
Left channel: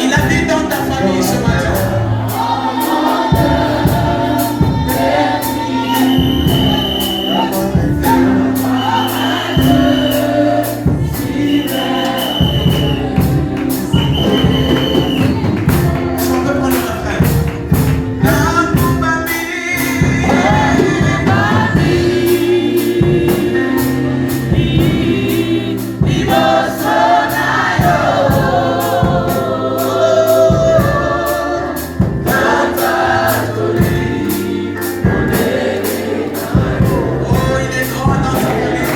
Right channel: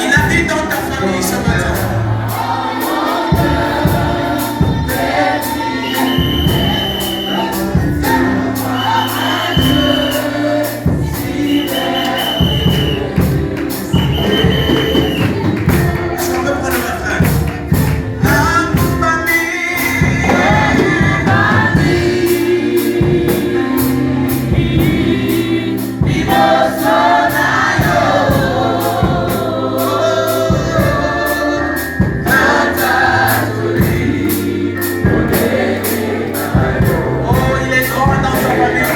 Il habite dans ta famille ce matin. Est-ce qu'on peut prendre le refrain? Oh, il est grand dans ta famille.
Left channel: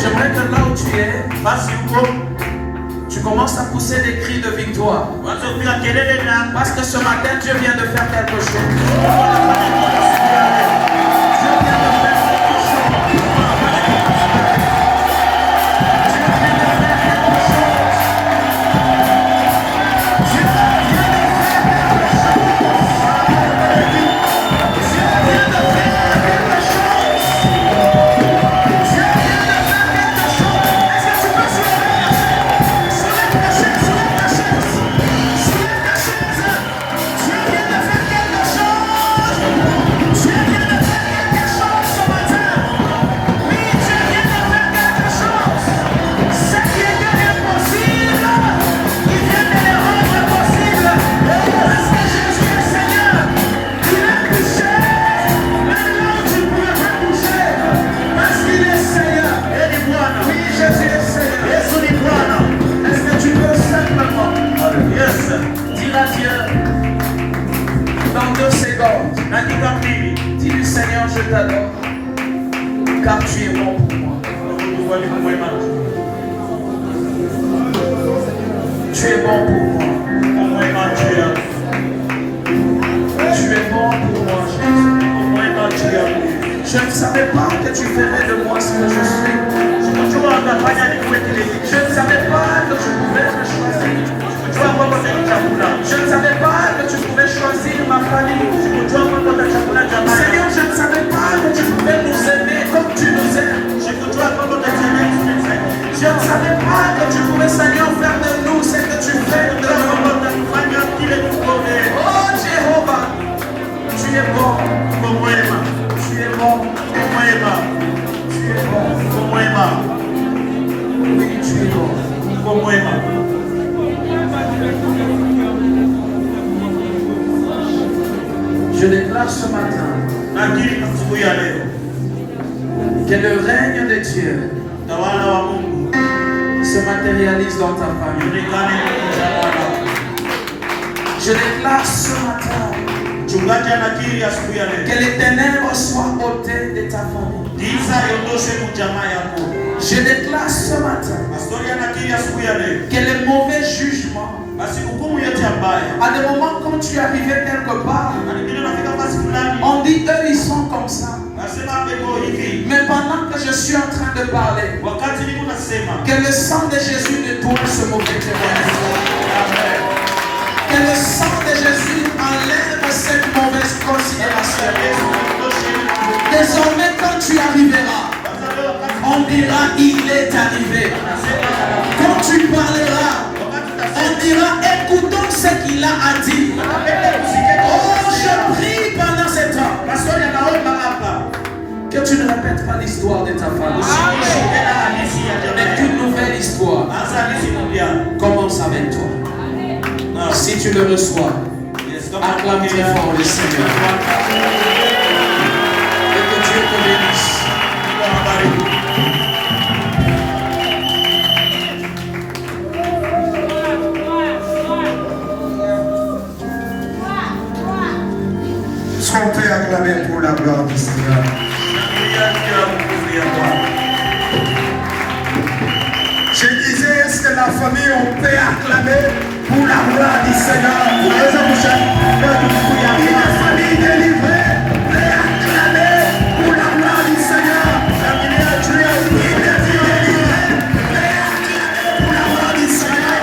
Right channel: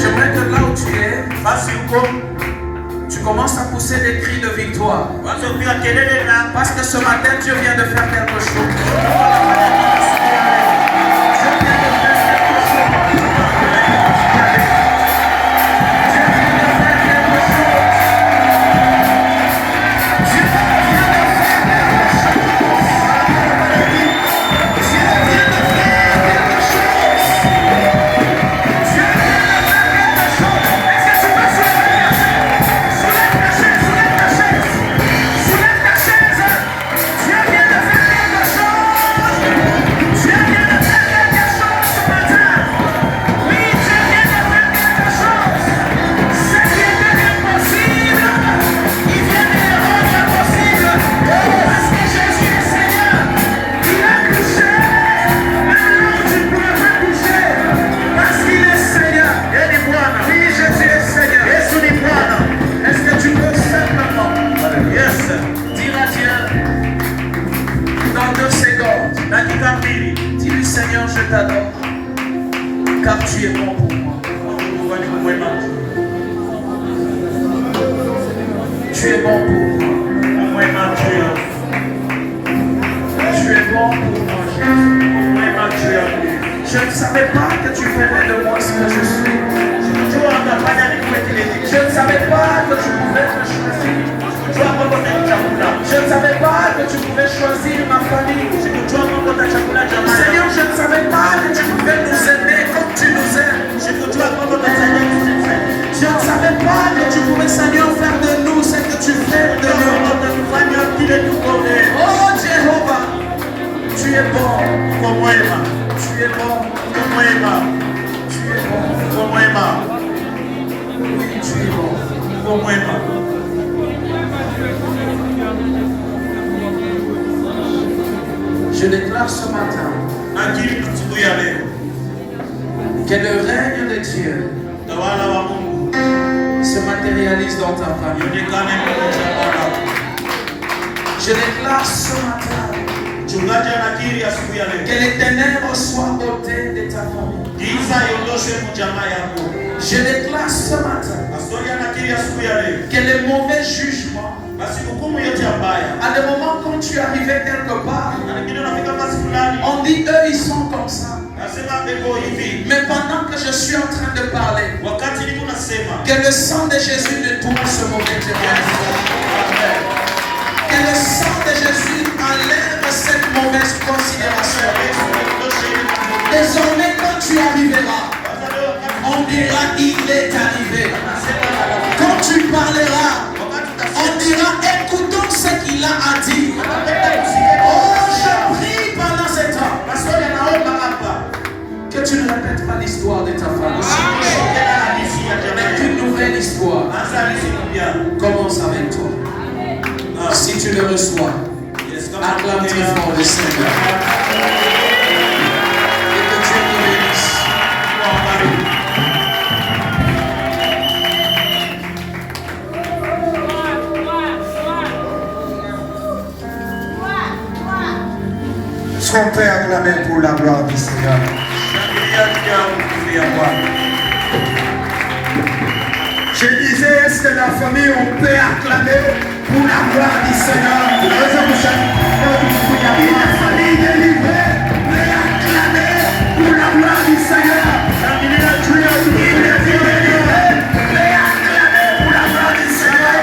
J'aimerais que là où tu es, tu commences à pousser des cris de victoire. Parce que ce matin, Dieu vient de faire quelque chose. Soulève ta chaise. Dieu vient de faire quelque chose. moi. Mungu wewe ni mwema. Tu es bon pour moi. Mwema juu yangu. Tu es bon pour moi, Jésus. Mwema juu yangu. Je ne savais pas que tu ferais de moi ce que je suis. Sikujua utafanya nikuwe kile kitu. Je ne savais pas que tu pouvais me choisir. Sikujua kwamba utachagua. Je ne savais pas que tu pouvais choisir ma famille. Sikujua kwamba utachagua jamaa. Seigneur, je ne savais pas que tu pouvais nous aimer comme tu nous aimes. Sikujua kwamba utafanya Je ne savais pas que tu pouvais, Seigneur, faire de nous ce que tu fais de nous. Oh Jéhovah, tu es bon. Tu es bon. Tu es bon. Oui, tu es bon. Je déclare ce matin que le règne de Dieu se matérialise dans ta famille. Je déclare ce matin que les ténèbres soient ôtées de ta famille. Je déclare ce matin que les mauvais jugements, à des moments quand tu arrivais quelque part, on dit eux ils sont comme ça. Mais pendant que je suis en train de parler, que le sang de Jésus nettoie ce mauvais témoignage. Que le sang de Jésus enlève cette mauvaise considération. Désormais, quand tu arriveras, on dira il est arrivé. Quand tu parleras, on dira écoutons ce qu'il a dit. Oh, je prie pendant ce temps que tu ne répètes pas l'histoire de ta famille, mais qu'une nouvelle histoire commence avec toi. Si tu le reçois, acclame très fort le Seigneur. Et que Dieu te bénisse. Sont prêts à acclamer pour la gloire du Seigneur. Je disais, est-ce que la famille, on peut acclamer pour la gloire du Seigneur? Une famille délivrée, peut acclamer pour la gloire du Seigneur. Il est délivré, peut acclamer pour la gloire du Seigneur.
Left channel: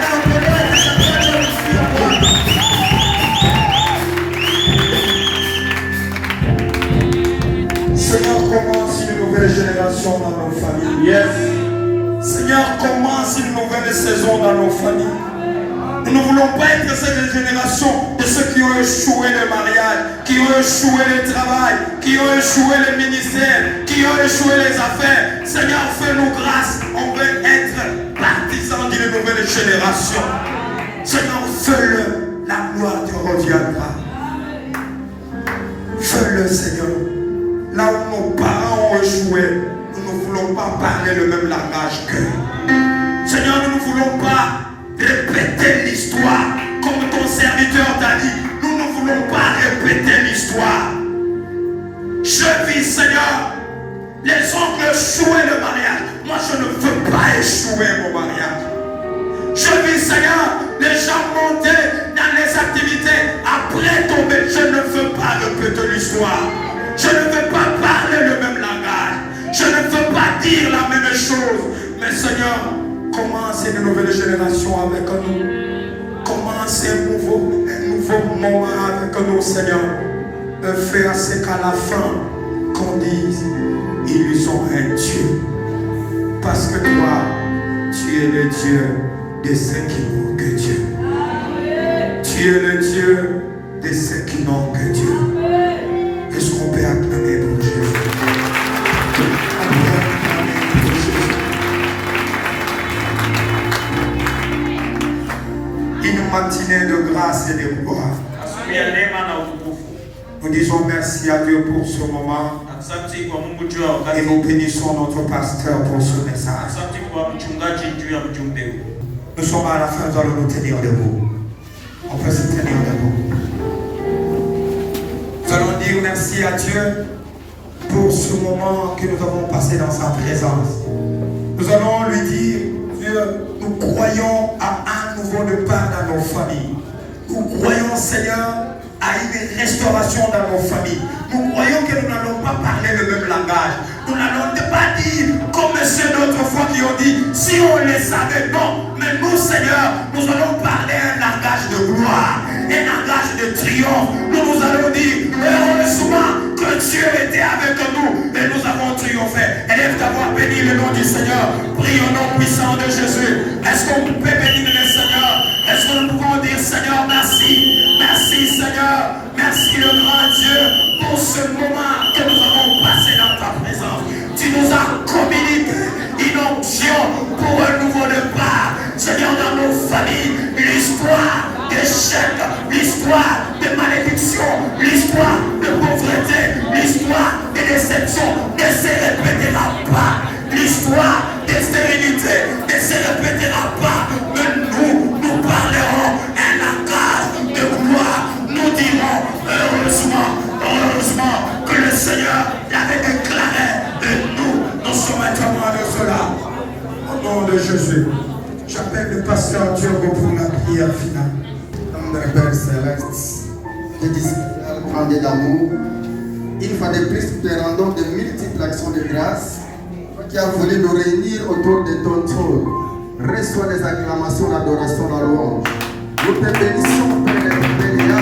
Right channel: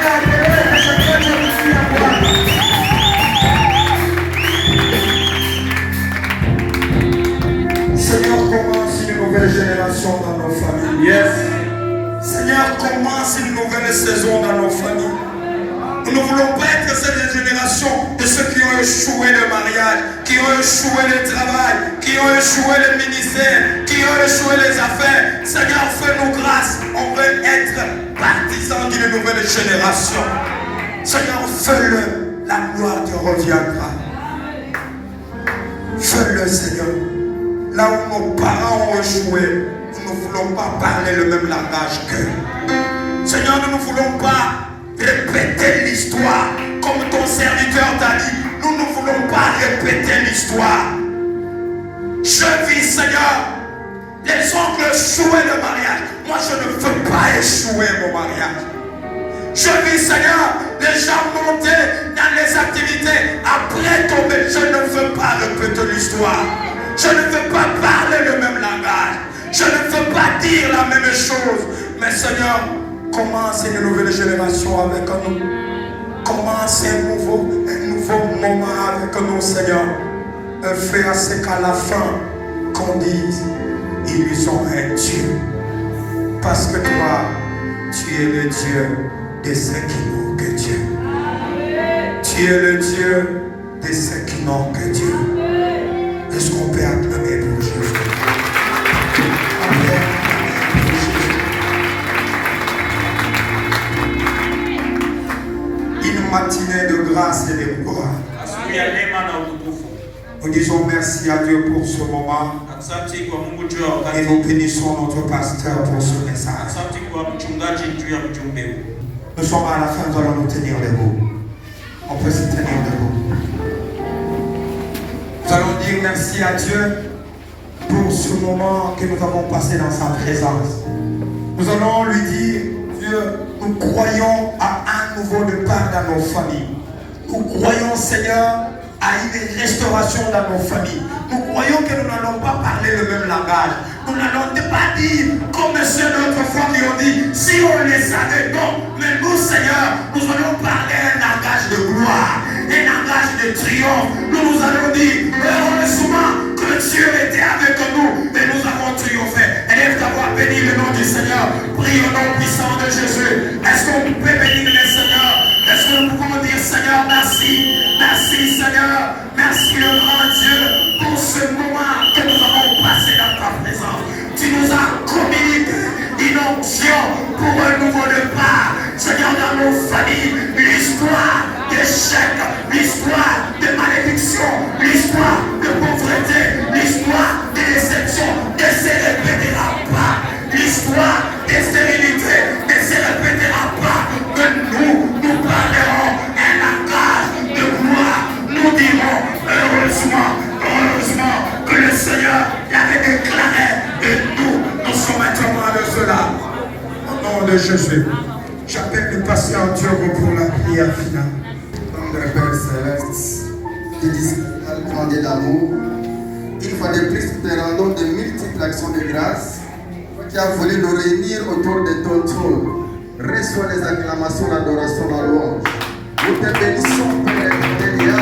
Seigneur, commence une nouvelle génération dans nos familles. Yes. Seigneur, commence une nouvelle saison dans nos familles. Nous ne voulons pas être cette génération de ceux qui ont échoué le mariage, qui ont échoué le travail, qui ont échoué le ministère, qui ont échoué les affaires. Seigneur, fais-nous grâce. On veut être partisans d'une nouvelle génération. Seigneur, fais-le. La gloire te reviendra. Fais-le, Seigneur. Là où nos parents ont échoué, nous ne voulons pas parler le même langage qu'eux. Seigneur, nous ne voulons pas répéter l'histoire comme ton serviteur t'a dit. Nous ne voulons pas répéter l'histoire. Je vis, Seigneur, les oncles échouaient le mariage. Moi, je ne veux pas échouer mon mariage. Je vis, Seigneur, les gens montaient dans les activités après tomber. Je ne veux pas répéter l'histoire. Je ne veux pas parler le même langage. Je ne veux pas dire la même chose. Mais Seigneur, commence une nouvelle génération avec nous. Commence un nouveau moment avec nous, Seigneur. De faire ce qu'à la fin, qu'on dise, ils ont un Dieu. Parce que toi, tu es le Dieu de ceux qui n'ont que Dieu. Tu es le Dieu de ceux qui n'ont que Dieu. Est-ce qu'on peut acclamer pour Jésus? Une matinée de grâce et de gloire. Nous disons merci à Dieu pour ce moment. Et nous bénissons notre pasteur pour ce message. Nous sommes à la fin, nous allons nous tenir debout. On peut se tenir debout. Nous allons dire merci à Dieu pour ce ce moment que nous avons passé dans sa présence. Nous allons lui dire, Dieu, nous croyons à un nouveau départ dans nos familles. Nous croyons, Seigneur, à une restauration dans nos familles. Nous croyons que nous n'allons pas parler le même langage. Nous n'allons pas dire, comme ceux d'autres fois qui ont dit, si on les savait, non. Mais nous, Seigneur, nous allons parler un langage de gloire, un langage de triomphe. Nous allons dire, heureusement que Dieu était avec nous et nous avons triomphé. Élève ta voix, bénis le nom du Seigneur. Prie au nom puissant de Jésus. Est-ce qu'on peut bénir le Seigneur? Est-ce que nous pouvons dire, Seigneur, merci. Merci, Seigneur. Merci, le grand Dieu, pour ce moment que nous avons passé dans ta présence. Tu nous as communiqué une onction pour un nouveau départ. Seigneur, dans nos familles, l'histoire d'échec, l'histoire de malédiction, l'histoire de pauvreté, l'histoire de déception ne se répétera pas. L'histoire de stérilité ne se répétera pas. Mais nous parlerons un langage de gloire. Nous dirons heureusement que le Seigneur l'avait déclaré et nous sommes témoins de cela. Au nom de Jésus, j'appelle le pasteur Diogo pour la prière finale. Notre Père Céleste, qui discipline grandit d'amour, une fois de plus, te rendons de multiples actions de grâce, toi qui as voulu nous réunir autour de ton trône. Reçois les acclamations, l'adoration, la louange. Nous te bénissons, Père Bénéa,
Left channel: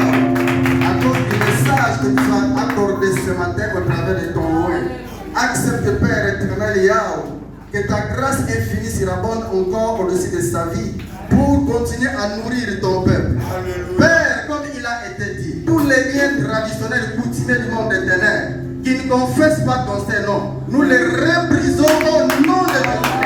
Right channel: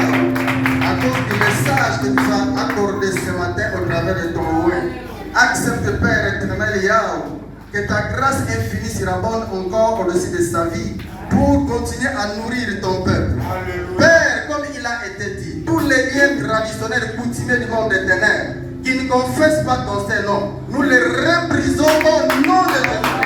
à cause du message que tu as accordé ce matin au travers de ton loin. Accepte, Père éternel Yahweh, que ta grâce infinie surabonde encore au-dessus de sa vie pour continuer à nourrir ton peuple. Père, comme il a été dit, tous les liens traditionnels coutumiers du monde des ténèbres qui ne confessent pas ton Saint-Nom, nous les reprisons au nom de Jésus.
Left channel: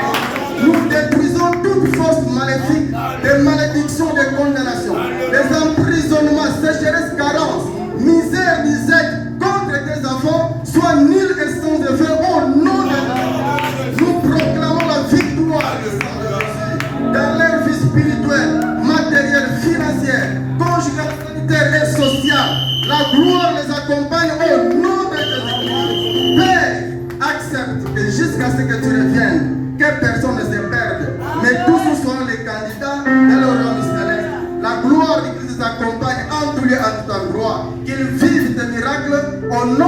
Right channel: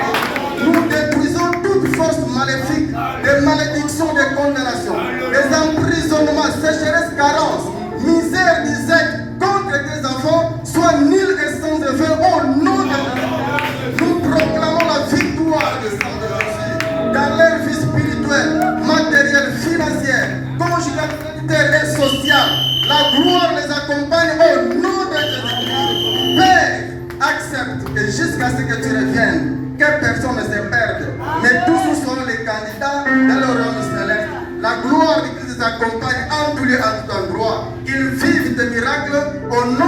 Nous détruisons toute force maléfique, des malédictions, des condamnations, des emprisonnements, sécheresse, carence, misère, disette contre tes enfants, soit nul et sans effet au nom de Jésus. Nous proclamons la victoire du sang de Jésus dans leur vie spirituelle, matérielle, financière, conjugale, sanitaire et sociale. La gloire les accompagne au nom de Jésus. Père, accepte que jusqu'à ce que tu reviennes, que personne ne se perde, mais tous sont les candidats dans leur royaume céleste. La gloire de Christ les accompagne en tout lieu, en toute gloire. Qu'ils vivent des miracles au nom